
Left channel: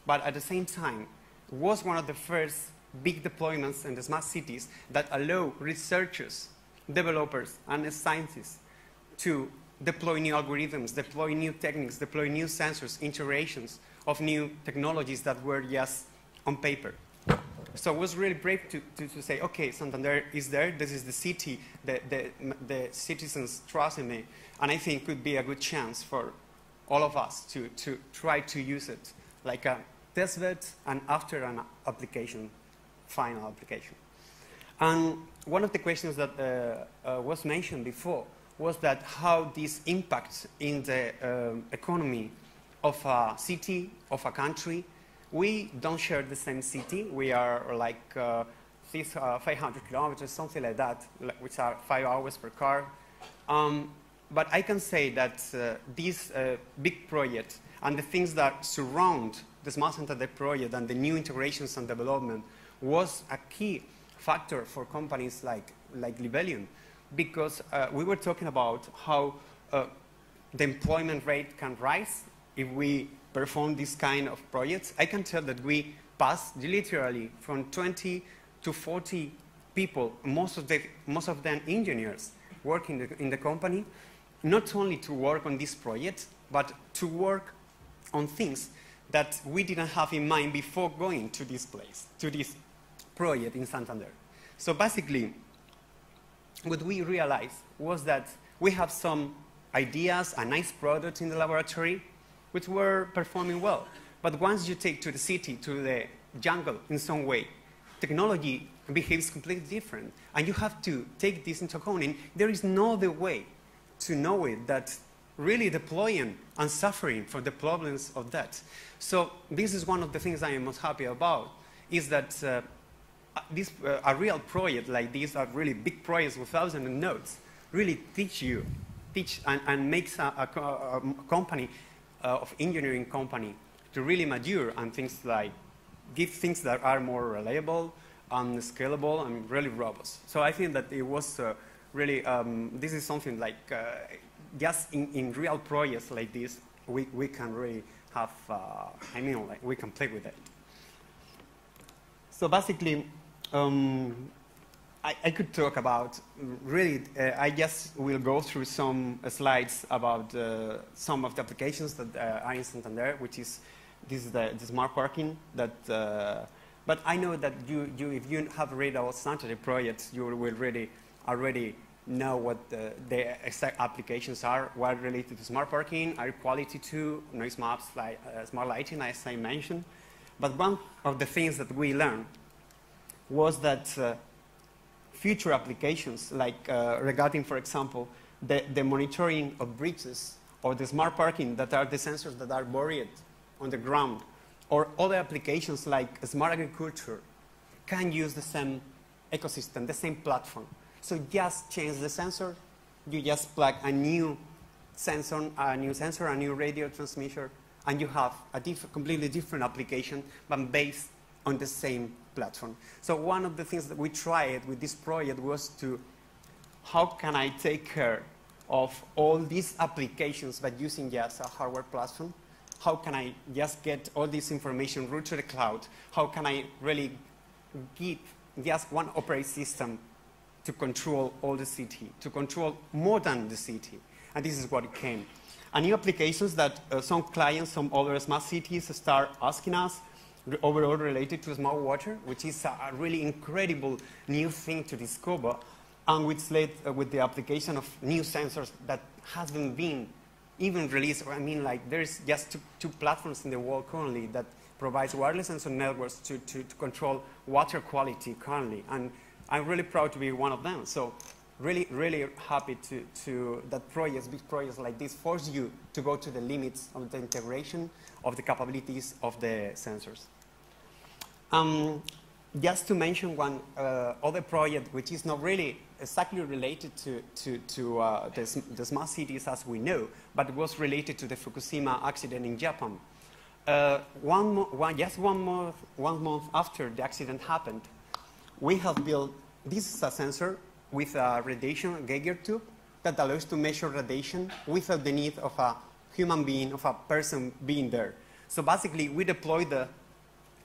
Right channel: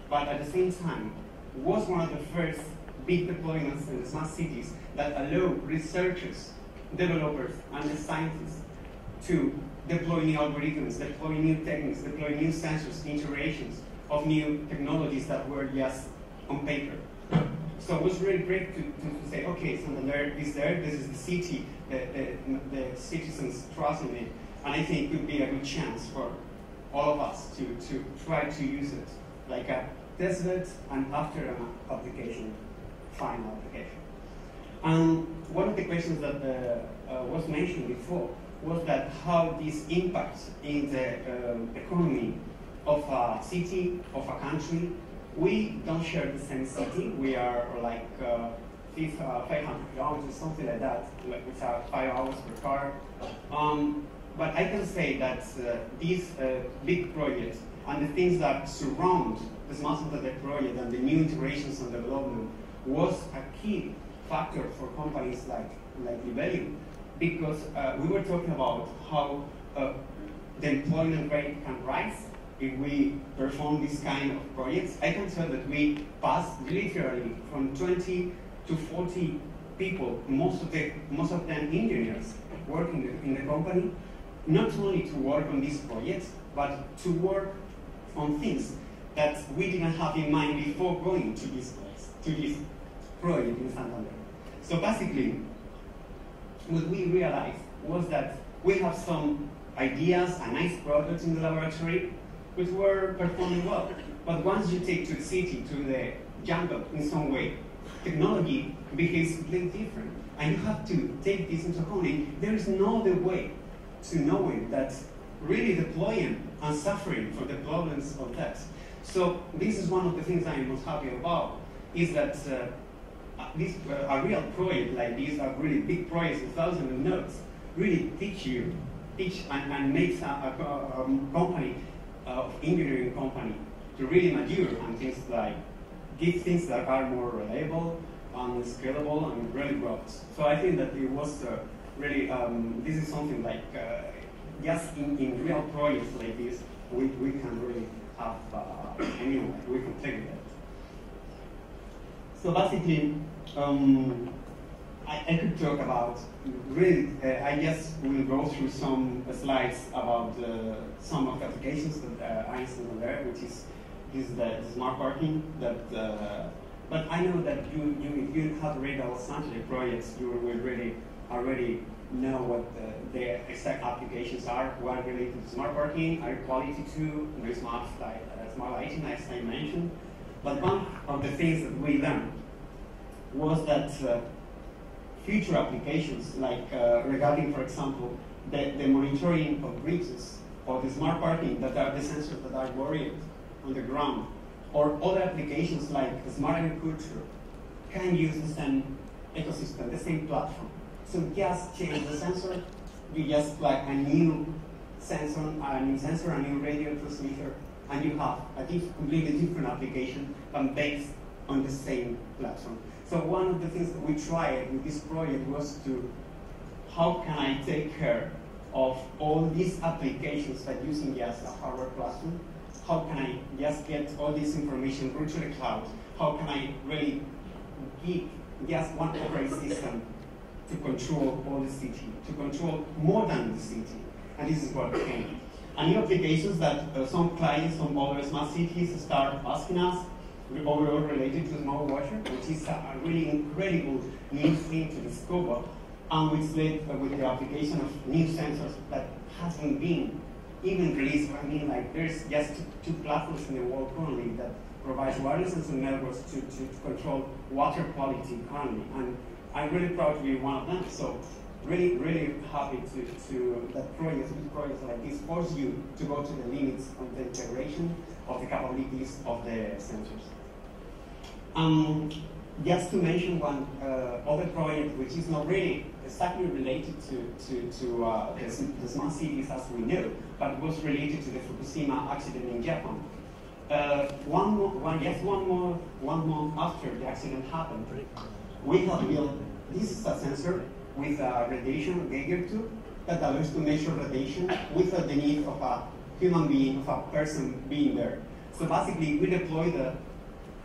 but at the same time, was one of the first big deployments in the smart cities that allow researchers, developers, and the scientists to deploy new algorithms, deploy new techniques, deploy new sensors, iterations of new technologies that were just on paper. So it was really great to say, okay, Santander is there, this is the city, the citizens trust in it, and I think it could be a good chance for all of us to try to use it like a testbed and after an application, final application. And one of the questions that was mentioned before was that how this impacts in the economy of a city, of a country. We don't share the same city. We are like 500 kilometers, something like that, which are 5 hours per car. But I can say that this big project and the things that surround the Smart Santander project and the new integrations and development was a key factor for companies like Libelium, because we were talking about how the employment rate can rise if we perform this kind of projects. I can tell that we passed literally from 20 to 40 people, most of them engineers, working in the company, not only to work on this project, but to work on things that we didn't have in mind before going to this place, to this project in Santander. So basically, what we realized was that we have some ideas and nice products in the laboratory which were performing well. But once you take to the city, to the jungle in some way, technology behaves completely different. And you have to take this into account. There is no other way to know it that really deploying and suffering for the problems of that. So this is one of the things I am most happy about, is that a real project like this, a really big project with thousands of nodes, really teach and makes a company of engineering company to really mature and things like give things that are more reliable and scalable and really robust. So I think that it was really, this is something like just in real projects like this, we can really have, like we can play with it. So basically, I could talk about, really, I just will go through some slides about some of the applications that are in Santander, which is, this is the smart parking. But I know that if you have read our Santander projects, you will really already know what the exact applications are, what are related to smart parking, air quality too, noise maps, like smart lighting, as I mentioned. But one of the things that we learned was that future applications, like regarding, for example, the monitoring of bridges or the smart parking that are the sensors that are buried on the ground, or other applications like smart agriculture, can use the same ecosystem, the same platform. So just change the sensor, you just plug a new sensor, a new radio transmitter, and you have a completely different application, but based on the same platform. So one of the things that we tried with this project was to, how can I take care of all these applications by using just a hardware platform? How can I just get all this information route to the cloud? How can I really give just one operating system to control all the city, to control more than the city? And this is what came. And new applications that some clients, some other smart cities start asking us, overall related to smart water, which is a really incredible new thing to discover, and which led with the application of new sensors that hasn't been even released. I mean, like there's just two platforms in the world currently that provides wireless sensor networks to control water quality currently. And I'm really proud to be one of them. So really, really happy to that projects like this force you to go to the limits of the integration of the capabilities of the sensors. Just to mention one other project which is not really exactly related to the smart cities as we know, but it was related to the Fukushima accident in Japan. One month after the accident happened, we have built, this is a sensor with a radiation Geiger tube that allows to measure radiation without the need of a human being, of a person being there. So basically, we deploy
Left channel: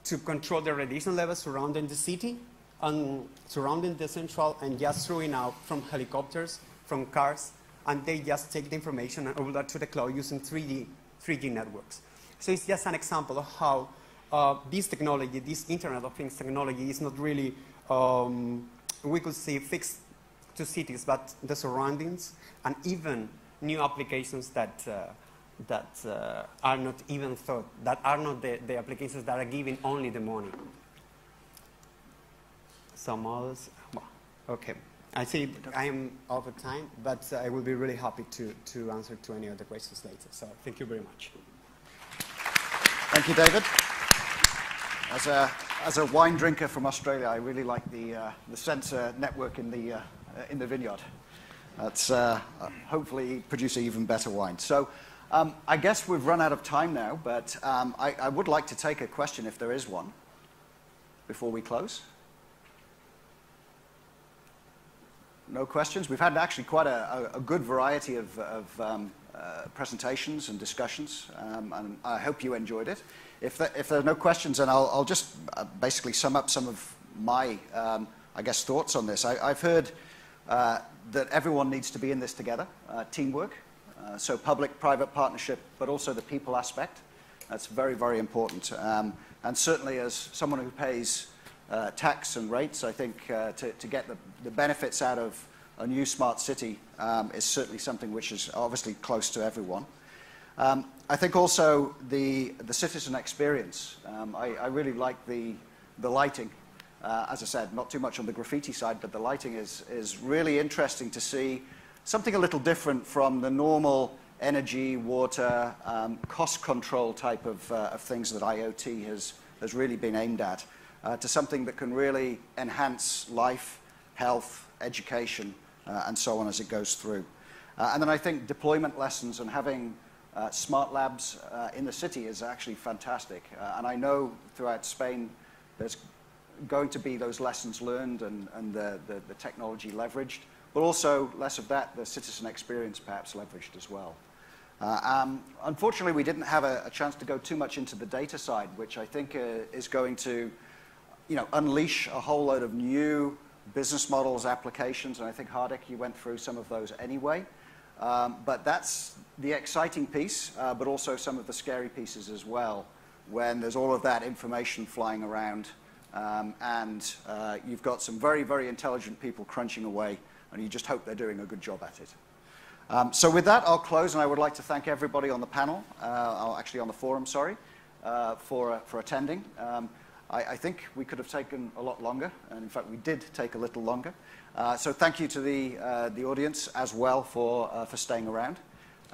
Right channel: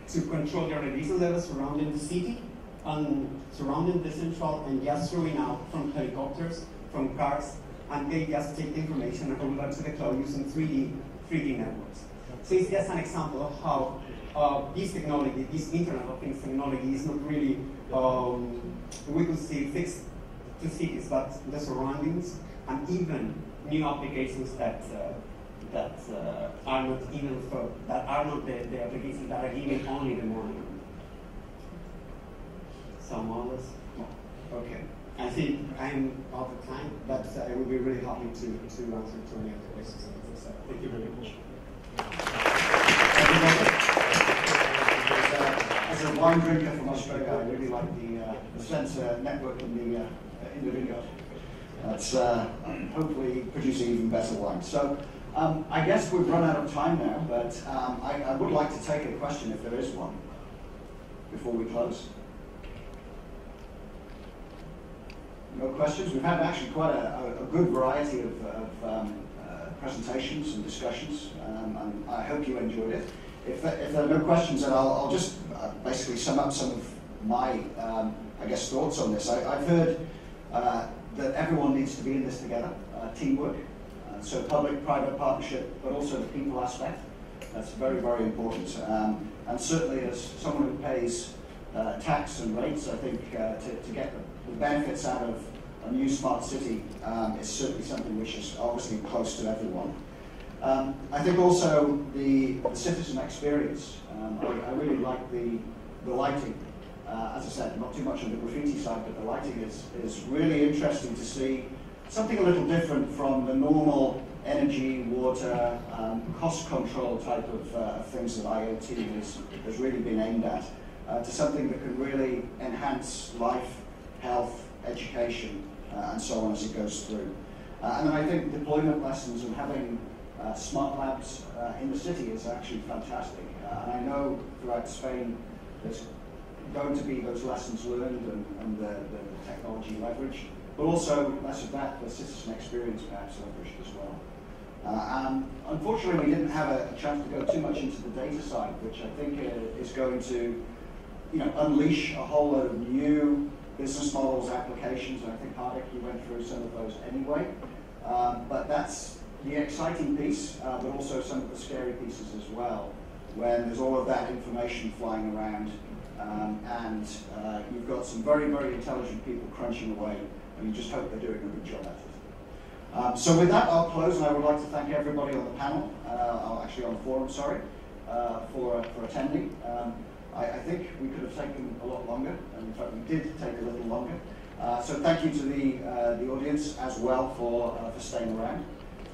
to control the radiation levels surrounding the city and surrounding the central, and just throwing out from helicopters, from cars, and they just take the information and upload to the cloud using 3D networks. So it's just an example of how this technology, this Internet of Things technology, is not really, we could say, fixed to cities, but the surroundings, and even new applications that are not even thought, that are not the applications that are given only in the morning. Some others? Okay. I think I'm out of time, but I will be really happy to answer to any other questions. So thank you very much. Thank you, David. As a wine drinker from Australia, I really like the sensor network in the vineyard. That's hopefully producing even better wine. So I guess we've run out of time now, but I would like to take a question if there is one before we close. No questions? We've had actually quite a good variety of presentations and discussions, and I hope you enjoyed it. If there are no questions, then I'll just basically sum up some of my, I guess, thoughts on this. I've heard that everyone needs to be in this together, teamwork, so public-private partnership, but also the people aspect. That's very, very important. And certainly as someone who pays tax and rates, I think to get the benefits out of a new smart city is certainly something which is obviously close to everyone. I think also the citizen experience. I really like the lighting. As I said, not too much on the graffiti side, but the lighting is really interesting to see. Something a little different from the normal energy, water, cost control type of things that IoT has really been aimed at, to something that can really enhance life, health, education, and so on as it goes through. And then I think deployment lessons and having smart labs in the city is actually fantastic. And I know throughout Spain there's going to be those lessons learned and the technology leveraged, but also less of that, the citizen experience perhaps leveraged as well. Unfortunately, we didn't have a chance to go too much into the data side, which I think is going to, unleash a whole load of new business models, applications, and I think Hardik, you went through some of those anyway. But that's the exciting piece, but also some of the scary pieces as well, when there's all of that information flying around, and you've got some very, very intelligent people crunching away, and you just hope they're doing a good job at it. So with that, I'll close, and I would like to thank everybody on the panel, actually on the forum, sorry, for attending. I think we could have taken a lot longer, and in fact we did take a little longer. So thank you to the audience as well for staying around.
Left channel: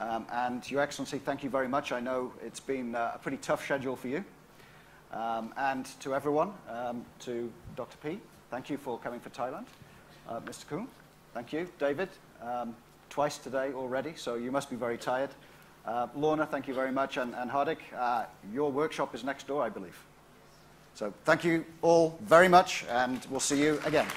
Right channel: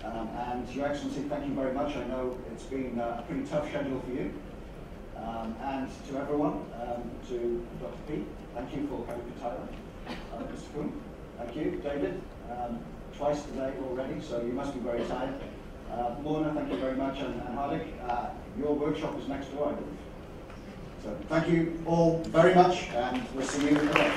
And Your Excellency, thank you very much. I know it's been a pretty tough schedule for you. And to everyone, to Dr. P, thank you for coming for Thailand. Mr. Kuhn, thank you. David, twice today already, so you must be very tired. Lorna, thank you very much. And Hardik, your workshop is next door, I believe. So thank you all very much, and we'll see you again.